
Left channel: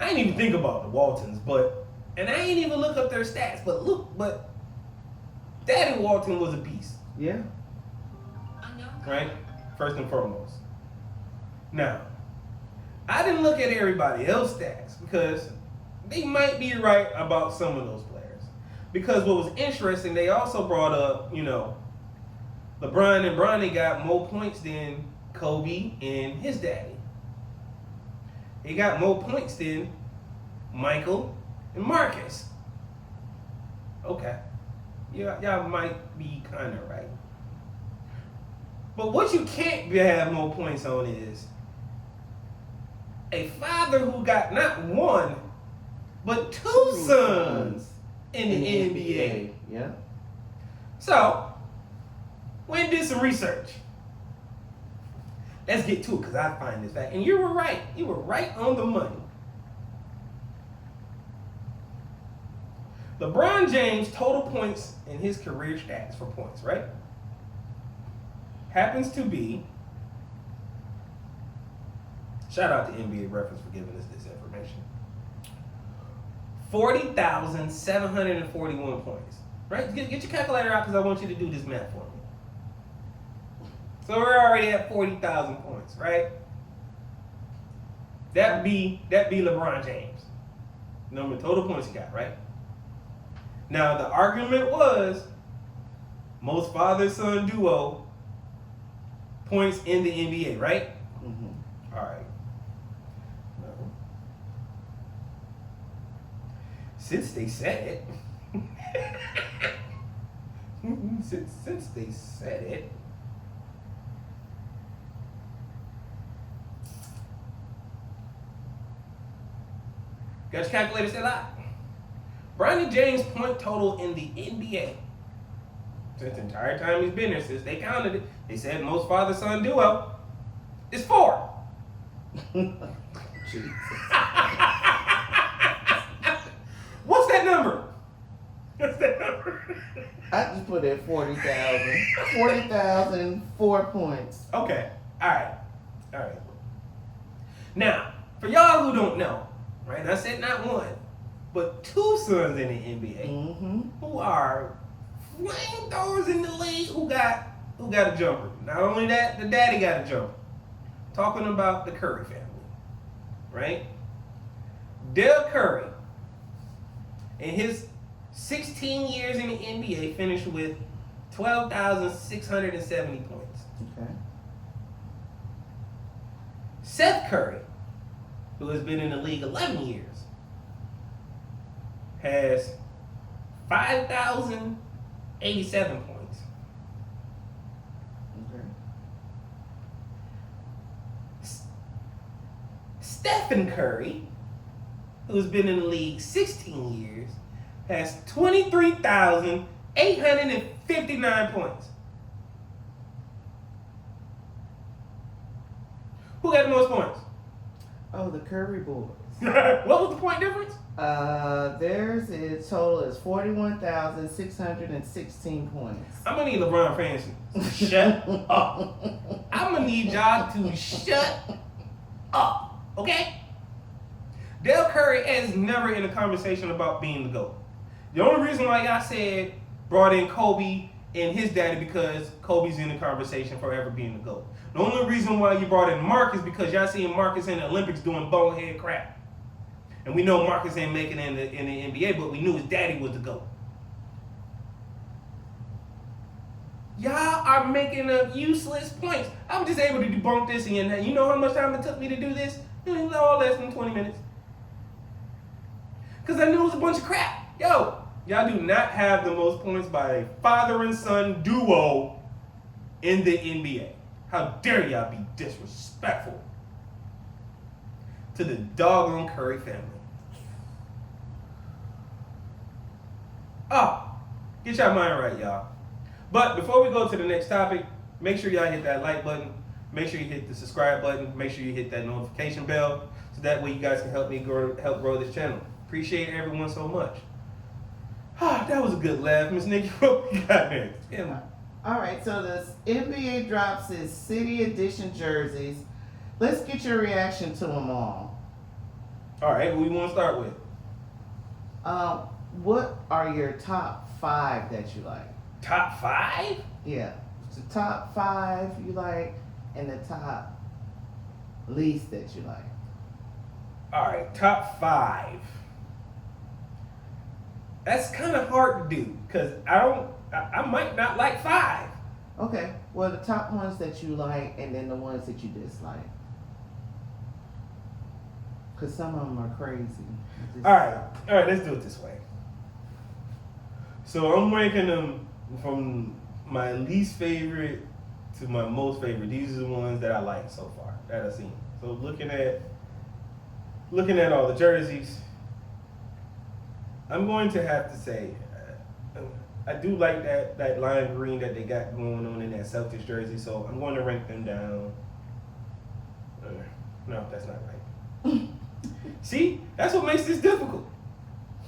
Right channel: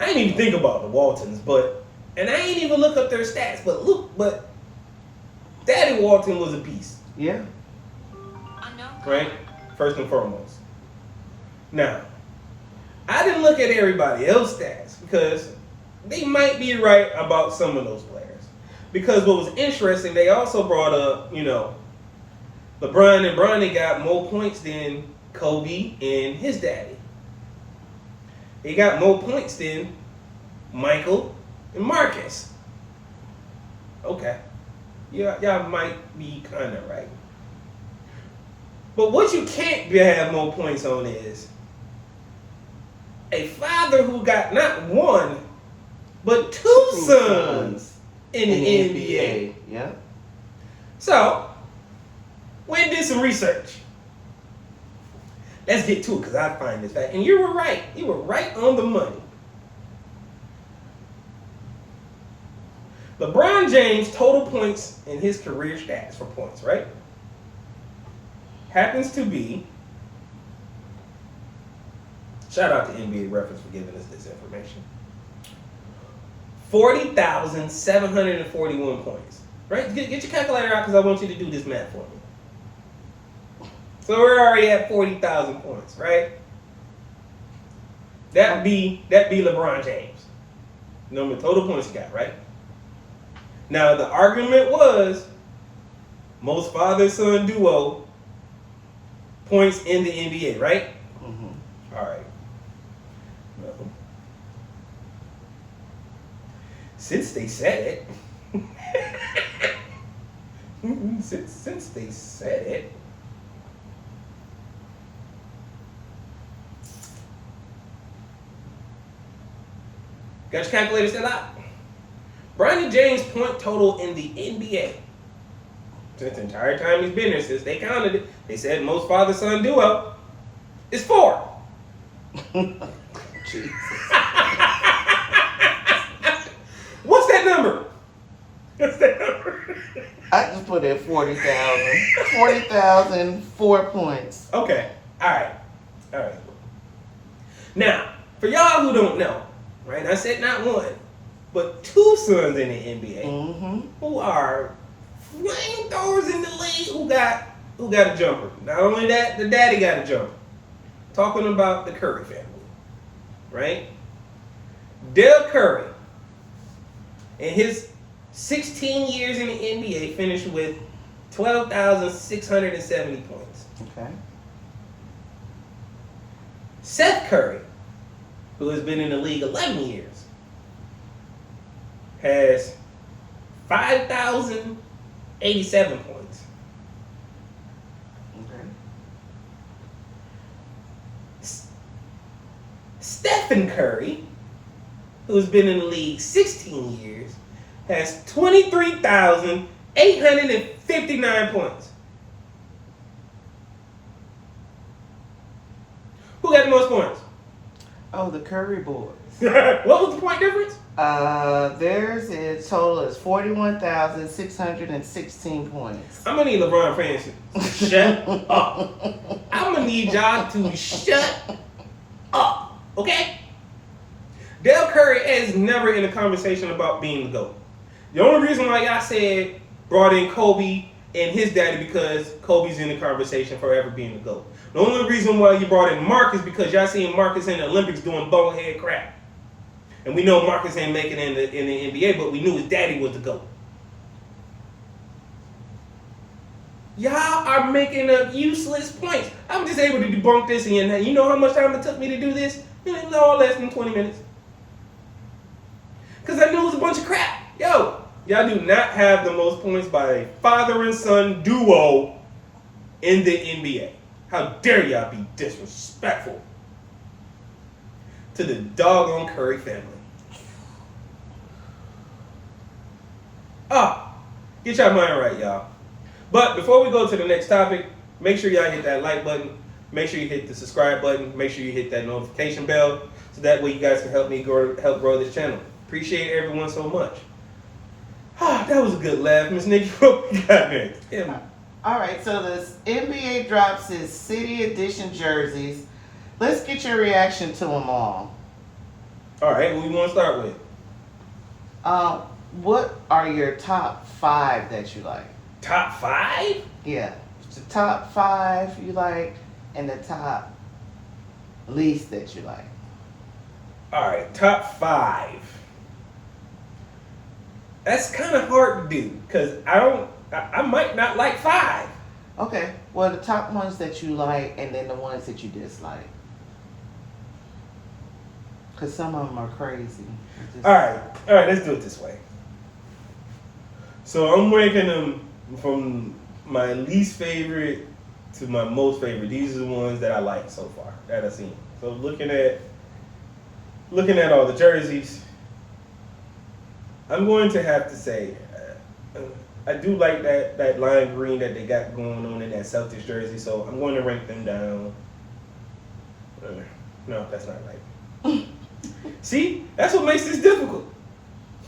didn't even think about the Waltons, and I ain't even look up their stats, but Daddy Walton was a beast. Yeah. Right? First and foremost. Now, I didn't look at everybody else's stats because they might be right about some of those players. Because what was interesting, they also brought up, LeBron and Bronny got more points than Kobe and his daddy. They got more points than Michael and Marcus. Okay. Y'all might be kind of right. But what you can't have more points on is a father who got not one, but two sons in the NBA. Yeah. So, went and did some research. Let's get to it because I find this fact. And you were right. You were right on the money. LeBron James' total points in his career stats for points, right? Happens to be, shout out to NBA Reference for giving us this information, 40,741 points. Right? Get your calculator out because I want you to do this math for me. So we're already at 40,000 points, right? That be LeBron James. Number total points he got, right? Now the argument was most father-son duo points in the NBA, right? Mm-hmm. All right. Well, since they said it, since they said it, got your calculator still out? Bronny James' point total in the NBA since the entire time he's been there, since they counted it, they said most father-son duo is 4. What's that number? What's that number? I just put in 40,000. 40,004 points. Okay. All right. Now, for y'all who don't know, right? I said not one, but 2 sons in the NBA who are flamethrowers in the league who got a jumper. Not only that, the daddy got a jumper. Talking about the Curry family, right? Dell Curry, in his 16 years in the NBA, finished with 12,670 points. Okay. Seth Curry, who has been in the league 11 years, has 5,087 points. Okay. Stephen Curry, who's been in the league 16 years, has 23,859 points. Who got the most points? Oh, the Curry boys. What was the point difference? Theirs is total is 41,616 points. I'm gonna need LeBron fans to shut up. I'm gonna need y'all to shut up, okay? Dell Curry is never in a conversation about being the GOAT. The only reason why y'all said brought in Kobe and his daddy because Kobe's in the conversation for ever being the GOAT. The only reason why you brought in Marcus because y'all seen Marcus in the Olympics doing bonehead crap. And we know Marcus ain't making it in the NBA, but we knew his daddy was the GOAT. Y'all are making up useless points. I was just able to debunk this, and you know how much time it took me to do this? All less than 20 minutes. Because I knew it was a bunch of crap. Yo, y'all do not have the most points by a father and son duo in the NBA. How dare y'all be disrespectful to the doggone Curry family. Get y'all mind right, y'all. But before we go to the next topic, make sure y'all hit that like button. Make sure you hit the subscribe button. Make sure you hit that notification bell, so that way you guys can help me help grow this channel. Appreciate everyone so much. That was a good laugh, Miss Nikki. What we got next? All right, so the NBA drops its City Edition jerseys. Let's get your reaction to them all. All right, what we want to start with? What are your top 5 that you like? Top 5? Yeah, the top 5 you like, and the top least that you like. All right, top 5. That's kind of hard to do because I might not like 5. Okay, well, the top ones that you like, and then the ones that you dislike. Because some of them are crazy. All right, let's do it this way. So I'm ranking them from my least favorite to my most favorite. These are the ones that I like so far that I've seen. So looking at all the jerseys, I'm going to have to say I do like that lime green that they got going on in that Celtics jersey. So I'm going to rank them down. No, that's not right. See, that's what makes this difficult.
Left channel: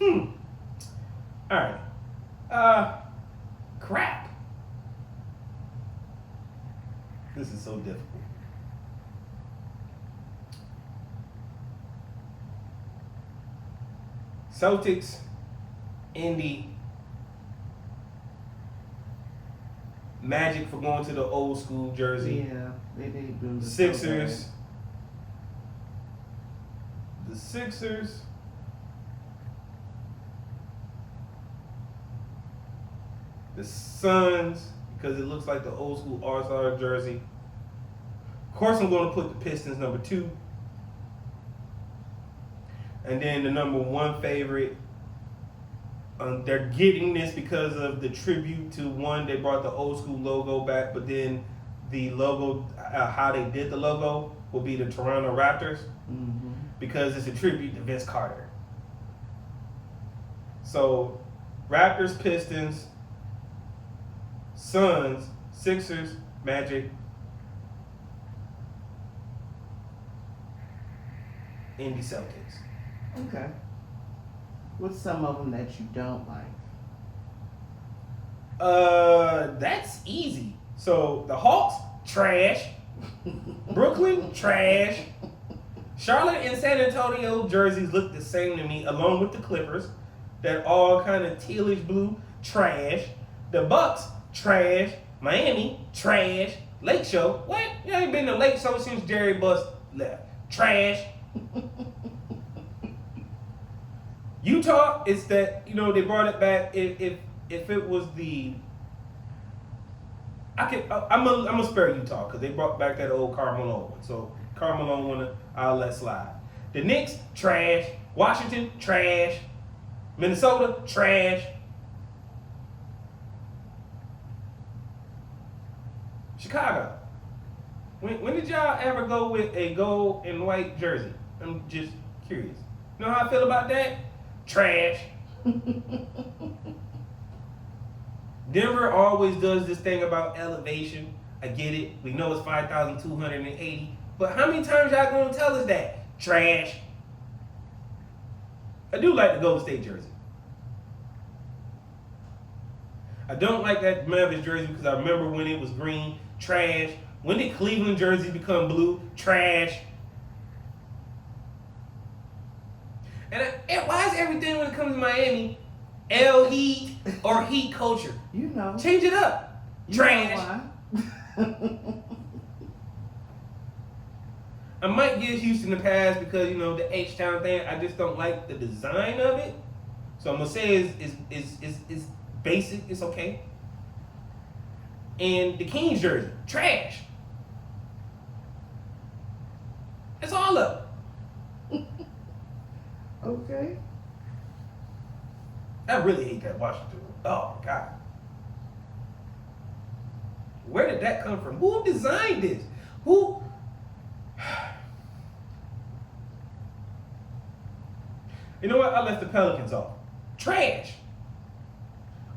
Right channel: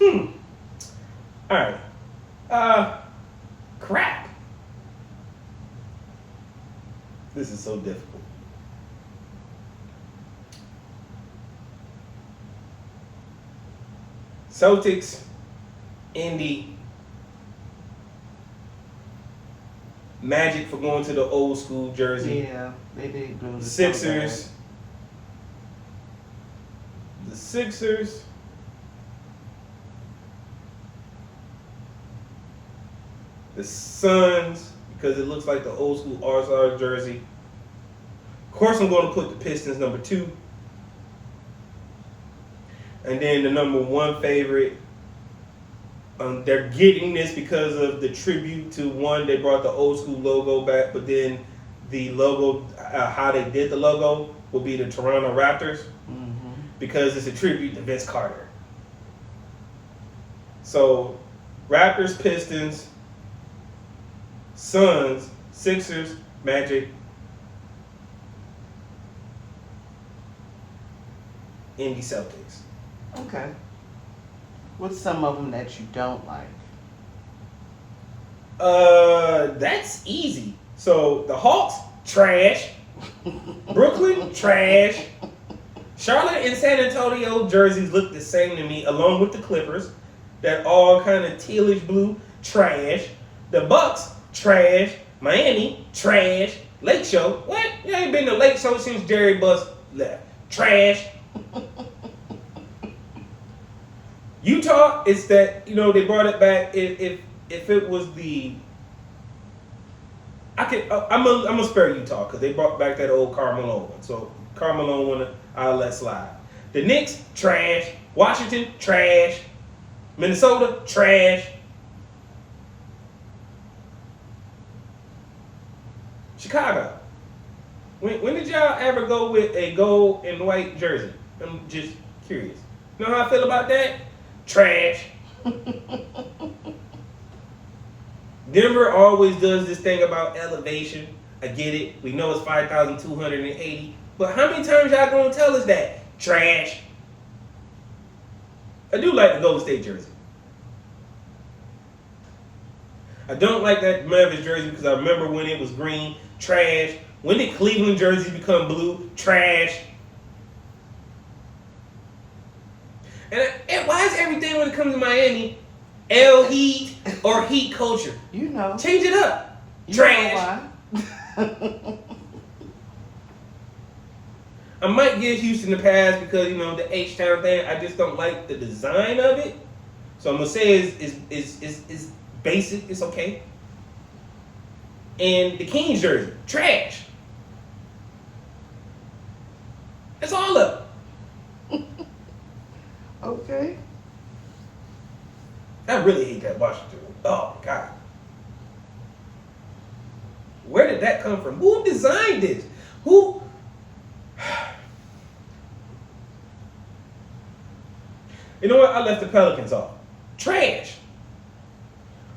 All right. Crap. This is so difficult. Celtics, Indy, Magic for going to the old school jersey. Yeah, they did. Sixers. The Sixers. The Suns, because it looks like the old school All-Star jersey. Of course, I'm going to put the Pistons number 2. And then the number 1 favorite. They're getting this because of the tribute to one. They brought the old school logo back, but then the logo, how they did the logo, will be the Toronto Raptors, because it's a tribute to Vince Carter. So, Raptors, Pistons, Suns, Sixers, Magic, Indy, Celtics. Okay. What's some of them that you don't like? That's easy. So the Hawks, trash. Brooklyn, trash. Charlotte and San Antonio jerseys look the same to me, along with the Clippers. That all kind of tealish blue, trash. The Bucks, trash. Miami, trash. Lake Show, what? You ain't been to Lake Show since Jerry Buss left. Trash. Utah, it's that, they brought it back. If it was the, I'm gonna spare Utah because they brought back that old Carmelo one. So Carmelo one, I'll let slide. The Knicks, trash. Washington, trash. Minnesota, trash. Chicago. When did y'all ever go with a gold and white jersey? I'm just curious. You know how I feel about that? Trash. Denver always does this thing about elevation. I get it. We know it's 5,280. But how many times y'all gonna tell us that? Trash. I do like the Golden State jersey. I don't like that Mavericks jersey because I remember when it was green. Trash. When did Cleveland jerseys become blue? Trash. And why is everything when it comes to Miami, L Heat or Heat culture? Change it up. Trash. I might give Houston a pass because the H-Town thing. I just don't like the design of it. So I'm gonna say it's basic. It's okay. and the Kings jersey, trash. That's all of it. Okay. I really hate that Washington. Oh my God. Where did that come from? Who designed this? Who? You know what? I left the Pelicans off. Trash.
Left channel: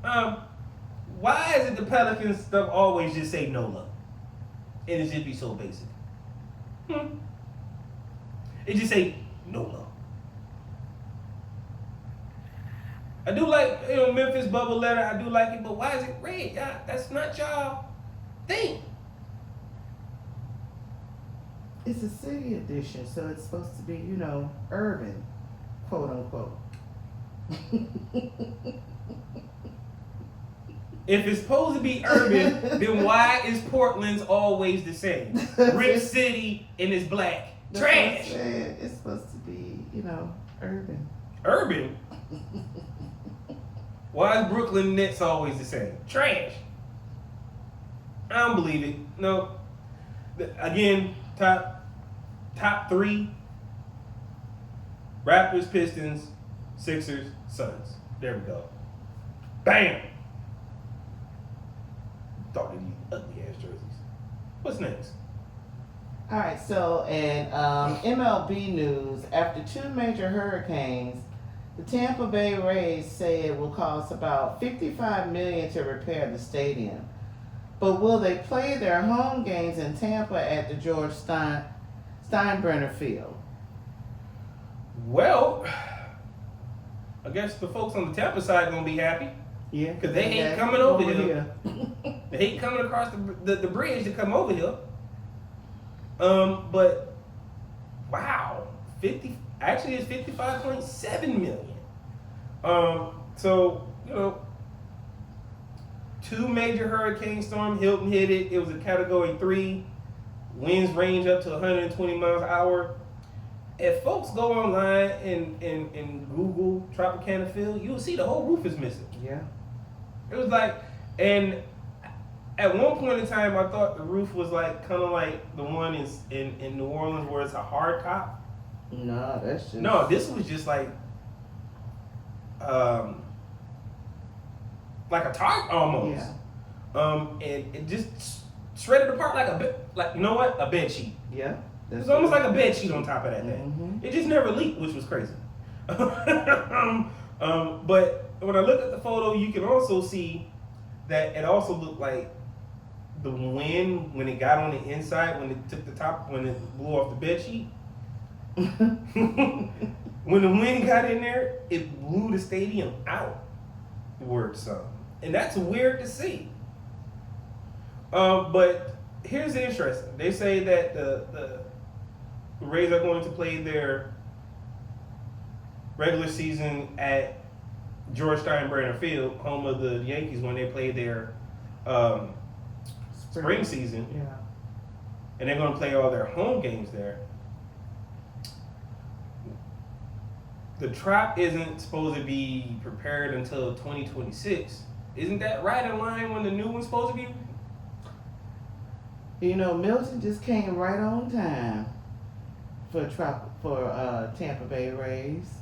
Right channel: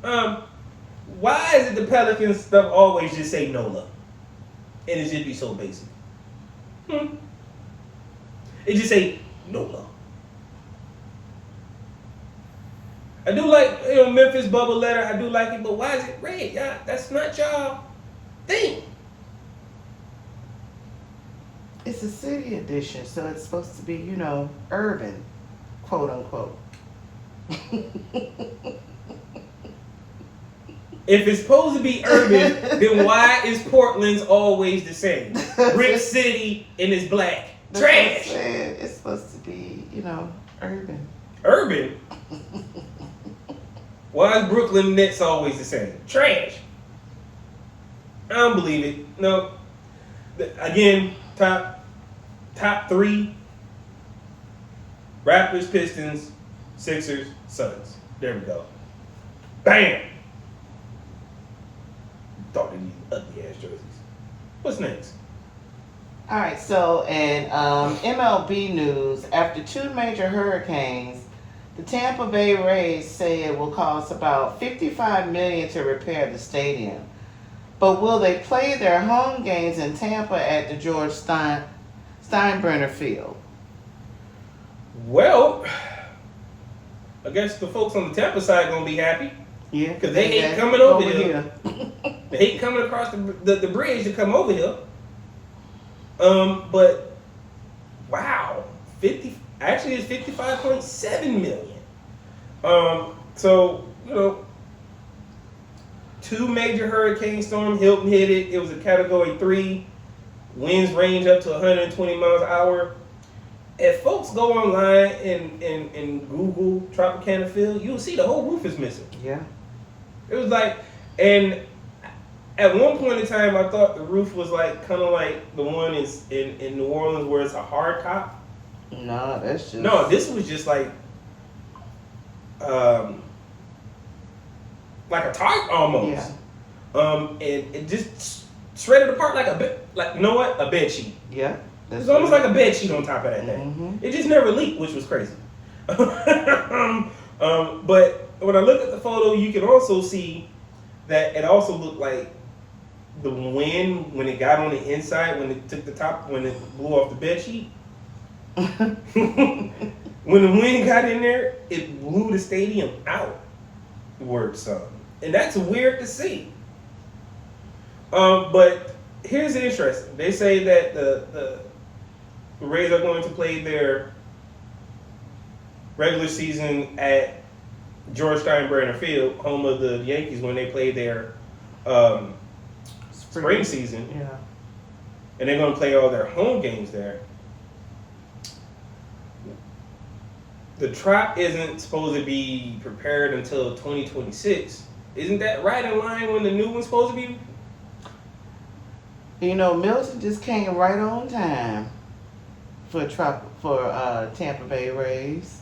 Why is it the Pelicans stuff always just say NOLA? And it just be so basic. It just say NOLA. I do like, Memphis bubble letter. I do like it, but why is it red? Yeah, that's not y'all thing. It's a city edition, so it's supposed to be, urban, quote unquote. If it's supposed to be urban, then why is Portland's always the same? Brick City and it's black. Trash. It's supposed to be, urban. Urban? Why is Brooklyn Nets always the same? Trash. I don't believe it. No. Again, top three. Raptors, Pistons, Sixers, Suns. There we go. Bam. Thought they needed ugly ass jerseys. What's next? All right, so in MLB news, after two major hurricanes, the Tampa Bay Rays say it will cost about $55 million to repair the stadium. But will they play their home games in Tampa at the George Steinbrenner Field? Well, I guess the folks on the Tampa side gonna be happy. Yeah, because they hate coming over here. They hate coming across the bridge to come over here. But wow, actually it's 55.7 million. So two major hurricane storms. Hilton hit it. It was a Category 3. Winds range up to 120 miles an hour. If folks go online and Google Tropicana Field, you'll see the whole roof is missing. Yeah. It was like, and at one point in time, I thought the roof was like kind of like the one in New Orleans where it's a hard top. No, that's just... No, this was just like a tarp almost. Yeah. And it just shredded apart like a bed sheet. Yeah. It was almost like a bed sheet on top of that thing. Mm-hmm. It just never leaked, which was crazy. But when I look at the photo, you can also see that it also looked like the wind when it got on the inside, when it took the top, when it blew off the bed sheet. When the wind got in there, it blew the stadium out. Word something. And that's weird to see. But here's the interesting. They say that the Rays are going to play their regular season at George Steinbrenner Field, home of the Yankees, when they play their spring season. Yeah. And they're going to play all their home games there. The Trop isn't supposed to be prepared until 2026. Isn't that right in line when the new one's supposed to be? Milton just came right on time for Tampa Bay Rays.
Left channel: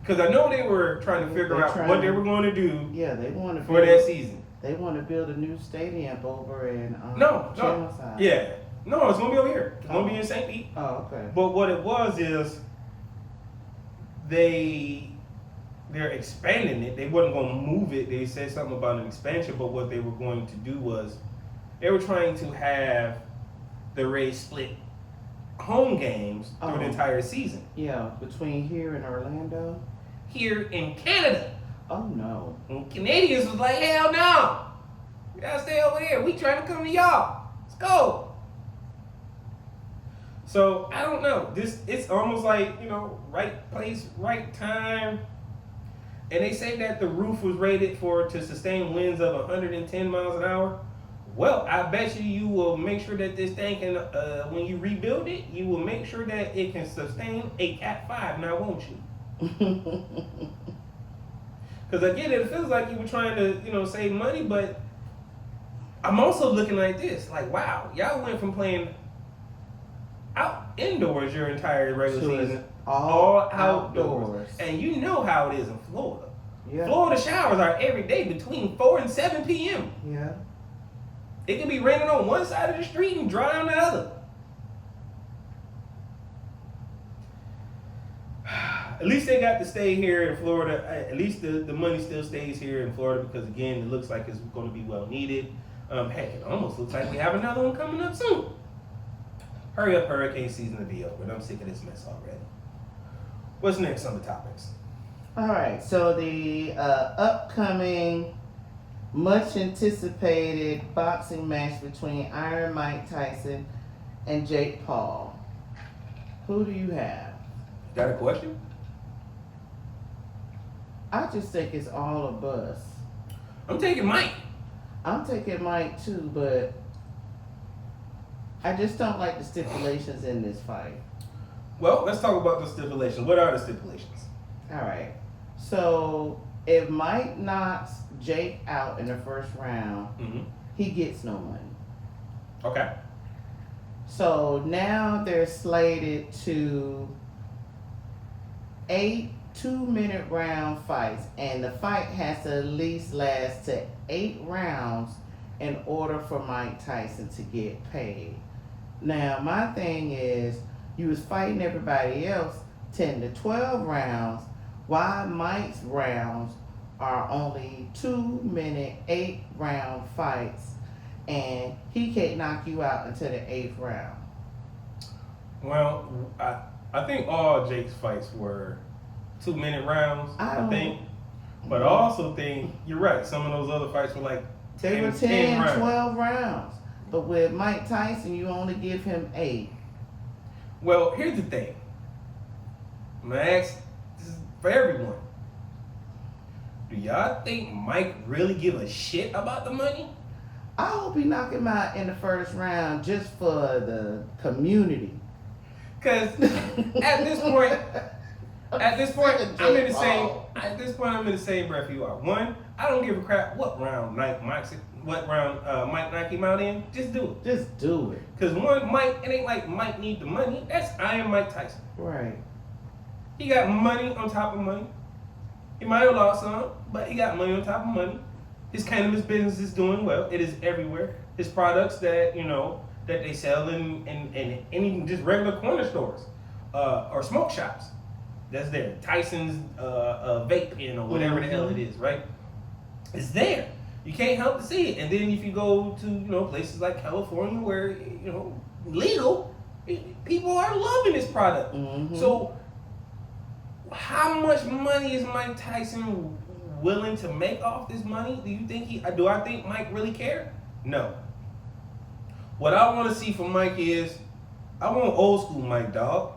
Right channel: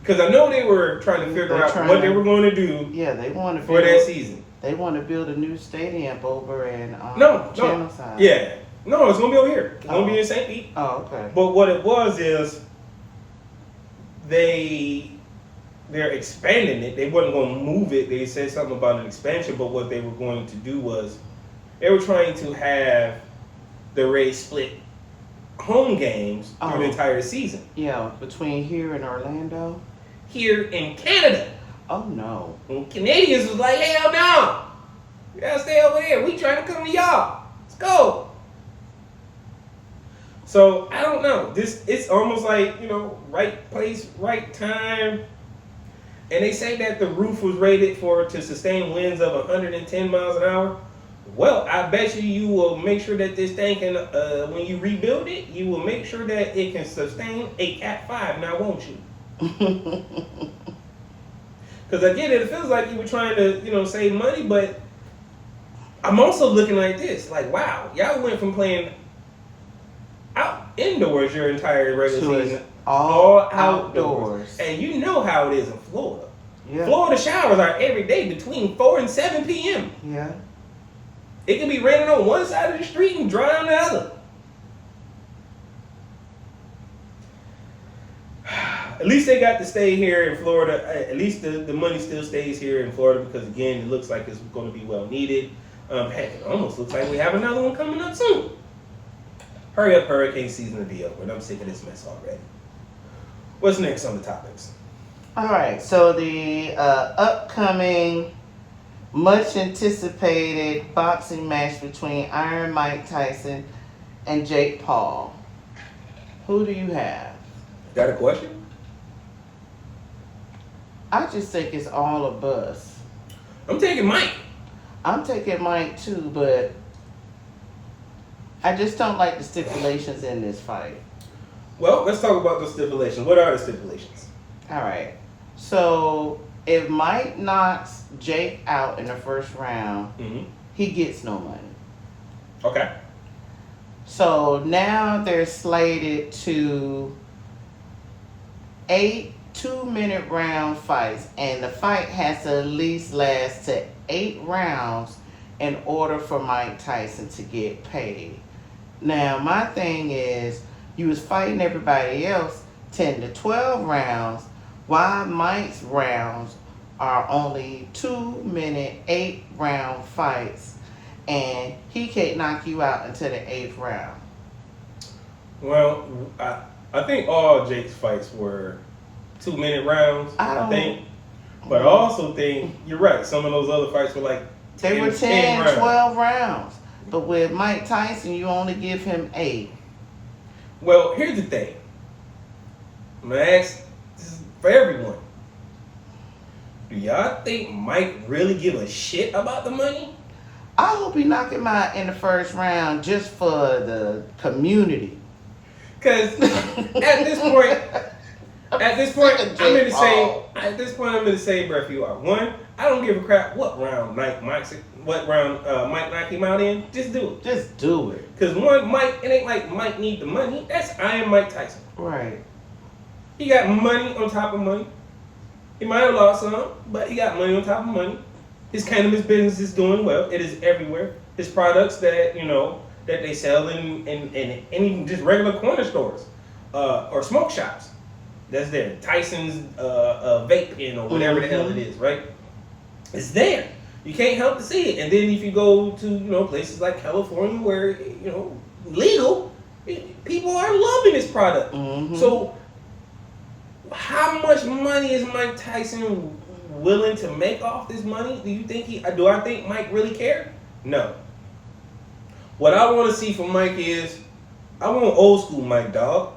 Because I know they were trying to figure out what they were going to do. Yeah, they want to for that season. They want to build a new stadium over in Channelside. Yeah, no, it's going to be over here. It's going to be in St. Pete. Oh, okay. But what it was is they're expanding it. They wasn't going to move it. They said something about an expansion, but what they were going to do was they were trying to have the Rays split home games through the entire season. Yeah, between here and Orlando. Here in Canada. Oh no. And Canadians was like, hell no. You gotta stay over there. We trying to come to y'all. Let's go. So I don't know. It's almost like, right place, right time. And they say that the roof was rated to sustain winds of 110 miles an hour. Well, I bet you will make sure that this thing can, when you rebuild it, you will make sure that it can sustain a Cat 5, now won't you? Because again, it feels like you were trying to, save money, but I'm also looking like this, like, wow, y'all went from playing indoors your entire regular season, all outdoors. And you know how it is in Florida. Yeah. Florida showers are every day between 4 and 7 p.m. Yeah. It can be raining on one side of the street and dry on the other. At least they got to stay here in Florida. At least the money still stays here in Florida because, again, it looks like it's going to be well needed. Heck, it almost looks like we have another one coming up soon. Hurry up, hurricane season to be over, and I'm sick of this mess already. What's next on the topics? All right, so the upcoming, much anticipated boxing match between Iron Mike Tyson and Jake Paul. Who do you have? Got a question? I just think it's all a buzz. I'm taking Mike. I'm taking Mike too, but I just don't like the stipulations in this fight. Well, let's talk about the stipulations. What are the stipulations? All right. So if Mike knocks Jake out in the first round, he gets no money. Okay. So now they're slated to 8 2-minute round fights, and the fight has to at least last to 8 rounds in order for Mike Tyson to get paid. Now, my thing is, you was fighting everybody else 10 to 12 rounds, while Mike's rounds are only 2-minute, 8-round fights, and he can't knock you out until the 8th round. Well, I think all Jake's fights were 2-minute rounds, I think. But I also think, you're right, some of those other fights were like 10 They were 10 rounds. 12 rounds. But with Mike Tyson, you only give him 8. Well, here's the thing. I'm going to ask this for everyone. Do y'all think Mike really give a shit about the money? I hope he knock him out in the first round just for the community. Because at this point, I'm in the same breath you are. One, I don't give a crap what round Mike knocks him out in. Just do it. Just do it. Because one, Mike, it ain't like Mike need the money. That's Iron Mike Tyson. Right. He got money on top of money. He might have lost some, but he got money on top of money. His cannabis business is doing well. It is everywhere. His products that that they sell in even just regular corner stores or smoke shops. That's there. Tyson's vape pen or whatever the hell it is, right? It's there. You can't help to see it. And then if you go to places like California where legal, people are loving this product. Mm-hmm. So how much money is Mike Tyson willing to make off this money? Do I think Mike really care? No. What I want to see from Mike is, I want old school Mike, dog.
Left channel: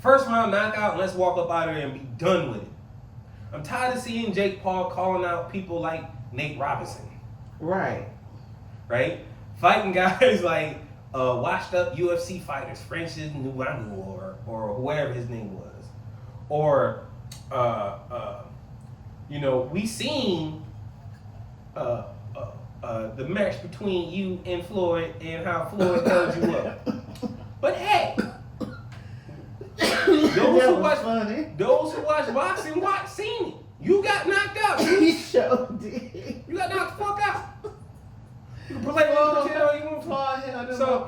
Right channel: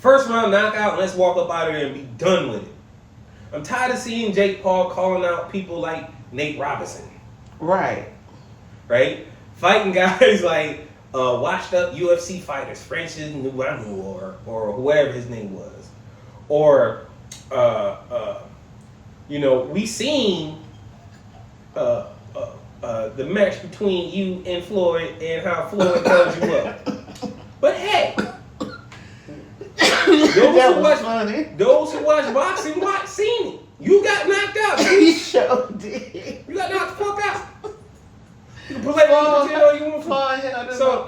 First round knockout, and let's walk up out of there and be done with it. I'm tired of seeing Jake Paul calling out people like Nate Robinson. Right. Right? Fighting guys like washed up UFC fighters, Francis Ngannou or whatever his name was. Or, we seen the match between you and Floyd and how Floyd held you up. But hey, those who watch boxing seen it. You got knocked out. You sure did. You got knocked the fuck out. You can play all you want to. So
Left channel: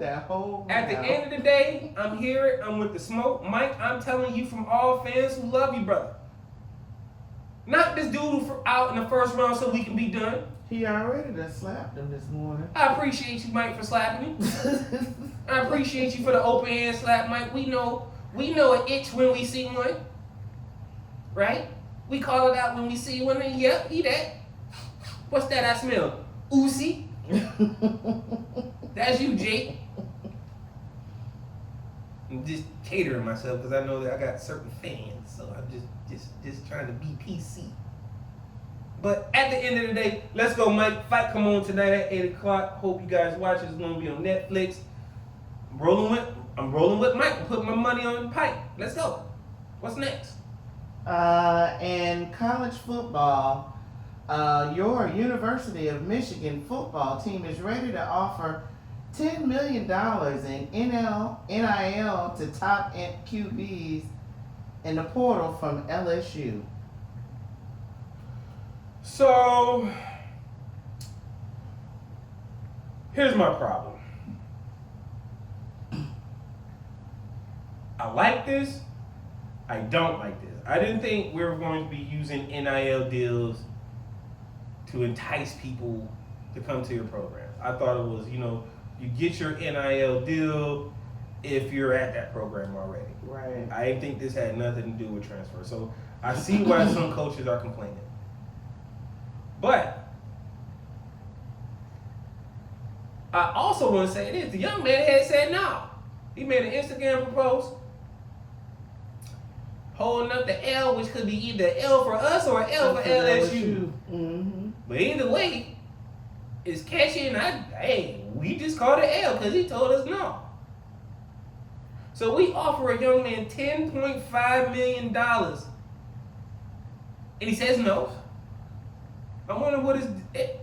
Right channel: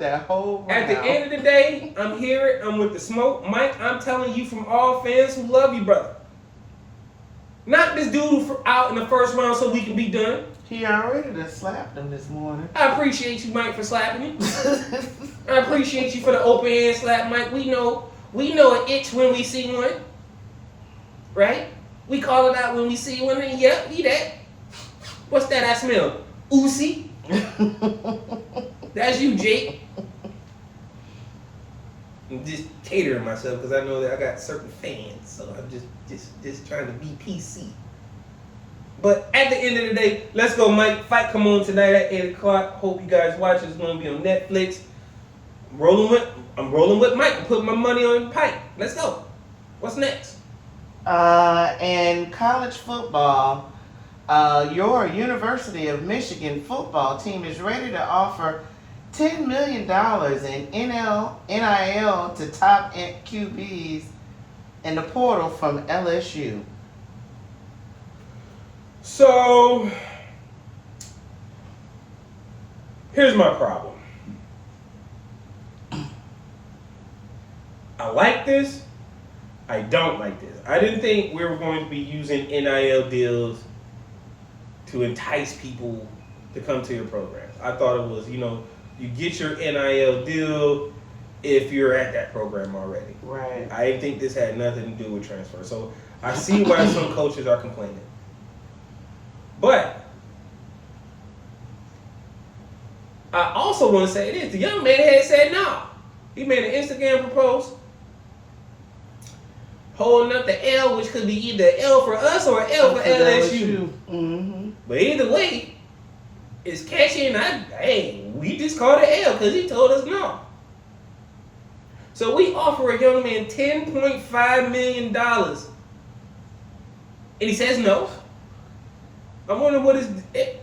that whole at the end of the day, I'm here. I'm with the smoke, Mike. I'm telling you from all fans who love you, brother. Not this dude out in the first round so we can be done. He already done slapped him this morning. I appreciate you, Mike, for slapping me. I appreciate you for the open hand slap, Mike. We know an itch when we see one. Right? We call it out when we see one. And yep, he that. What's that I smell? Oozy. That's you, Jake. I'm just catering myself because I know that I got certain fans, so I'm just trying to be PC. But at the end of the day, let's go, Mike. Fight come on tonight at 8 o'clock. Hope you guys watch. It's going to be on Netflix. I'm rolling with Mike. I'm putting my money on Pike. Let's go. What's next? In college football, your University of Michigan football team is ready to offer $10 million in NIL to top QBs in the portal from LSU. So, here's my problem. I like this. I don't like this. I didn't think we were going to be using NIL deals to entice people to come to your programs. I thought it was, you get your NIL deal if you're at that program already. Right. I didn't think this had nothing to do with transfer. So I see why some coaches are complaining. But I also want to say this. The young man had said no. He made an Instagram proposal holding up the L, which could be either L for us or L for LSU. Mm-hmm. But either way, it's catchy, and we just called it L because he told us no. So we offer a young man $10.5 million, and he says no. I wonder what his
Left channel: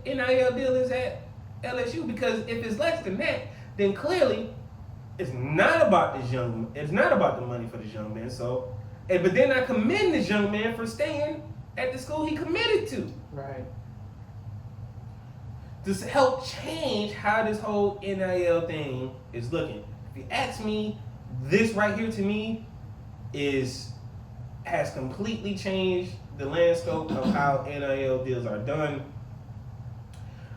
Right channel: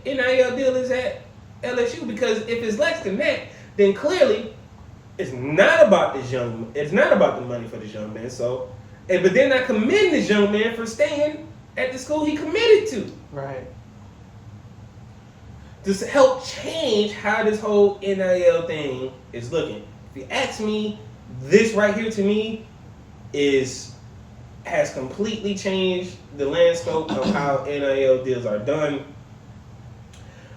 NIL deal is at LSU, because if it's less than that, then clearly it's not about it's not about the money for this young man. So, but then I commend this young man for staying at the school he committed to. Right. To help change how this whole NIL thing is looking. If you ask me, this right here to me has completely changed the landscape of how NIL deals are done.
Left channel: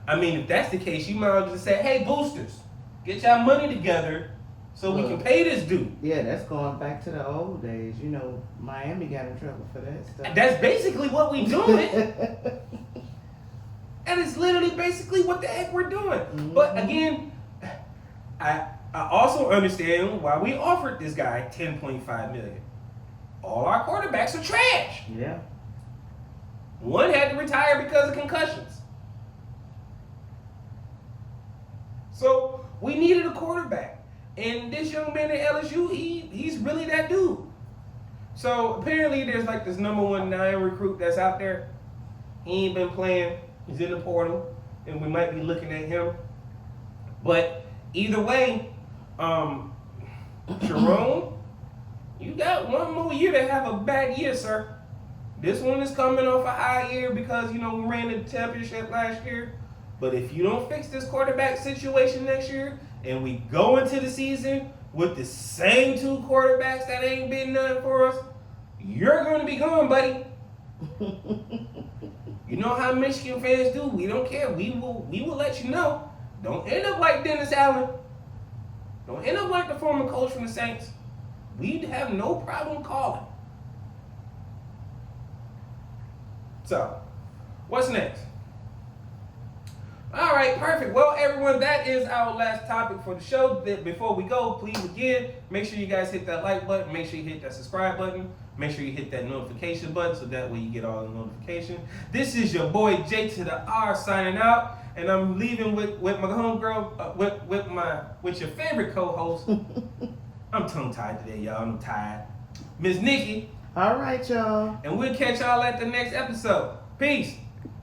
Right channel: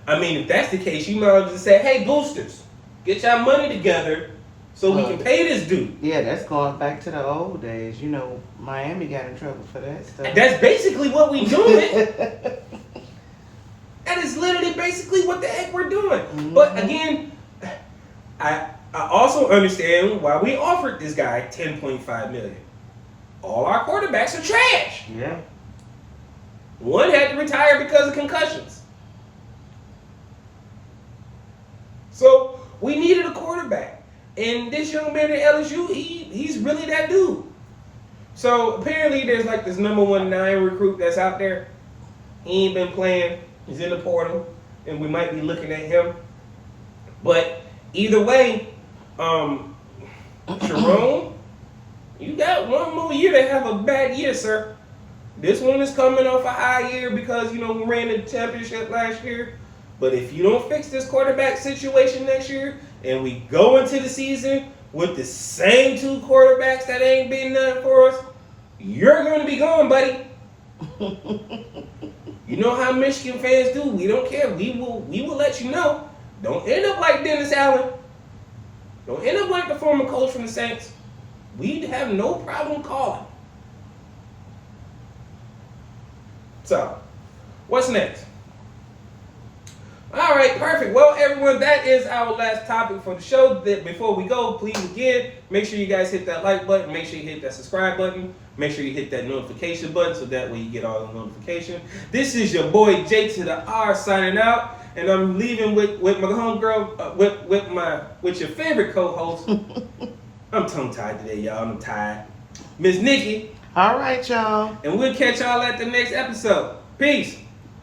I mean, if that's the case, you might as well just say, hey, boosters, get y'all money together so we can pay this dude. Yeah, that's going back to the old days. Miami got in trouble for that stuff. That's basically what we doing. That is literally basically what the heck we're doing. Mm-hmm. But again, I also understand why we offered this guy $10.5 million. All our quarterbacks are trash. Yeah. One had to retire because of concussions. So we needed a quarterback. And this young man at LSU, he's really that dude. So apparently there's like this number 9 recruit that's out there. He ain't been playing. He's in the portal. And we might be looking at him. But either way, Sharon, you got one more year to have a bad year, sir. This one is coming off a high year because, we ran the championship last year. But if you don't fix this quarterback situation next year, and we go into the season with the same 2 quarterbacks that ain't been done for us, you're going to be gone, buddy. You know how Michigan fans do. We don't care. We will let you know. Don't end up like Dennis Allen. Don't end up like the former coach from the Saints. We'd have no problem calling. So, what's next? All right, perfect. Well, everyone, that is our last topic for the show. Before we go, please again, make sure you guys hit that like button. Make sure you hit that subscribe button. Make sure you hit that notification button so that way you get all the notifications. This is your boy J2DaR signing out, and I'm leaving with my homegirl, with your favorite co-host. I'm tongue-tied today, y'all. I'm tired. Miss Nikki. All right, y'all. And we'll catch y'all at the next episode. Peace.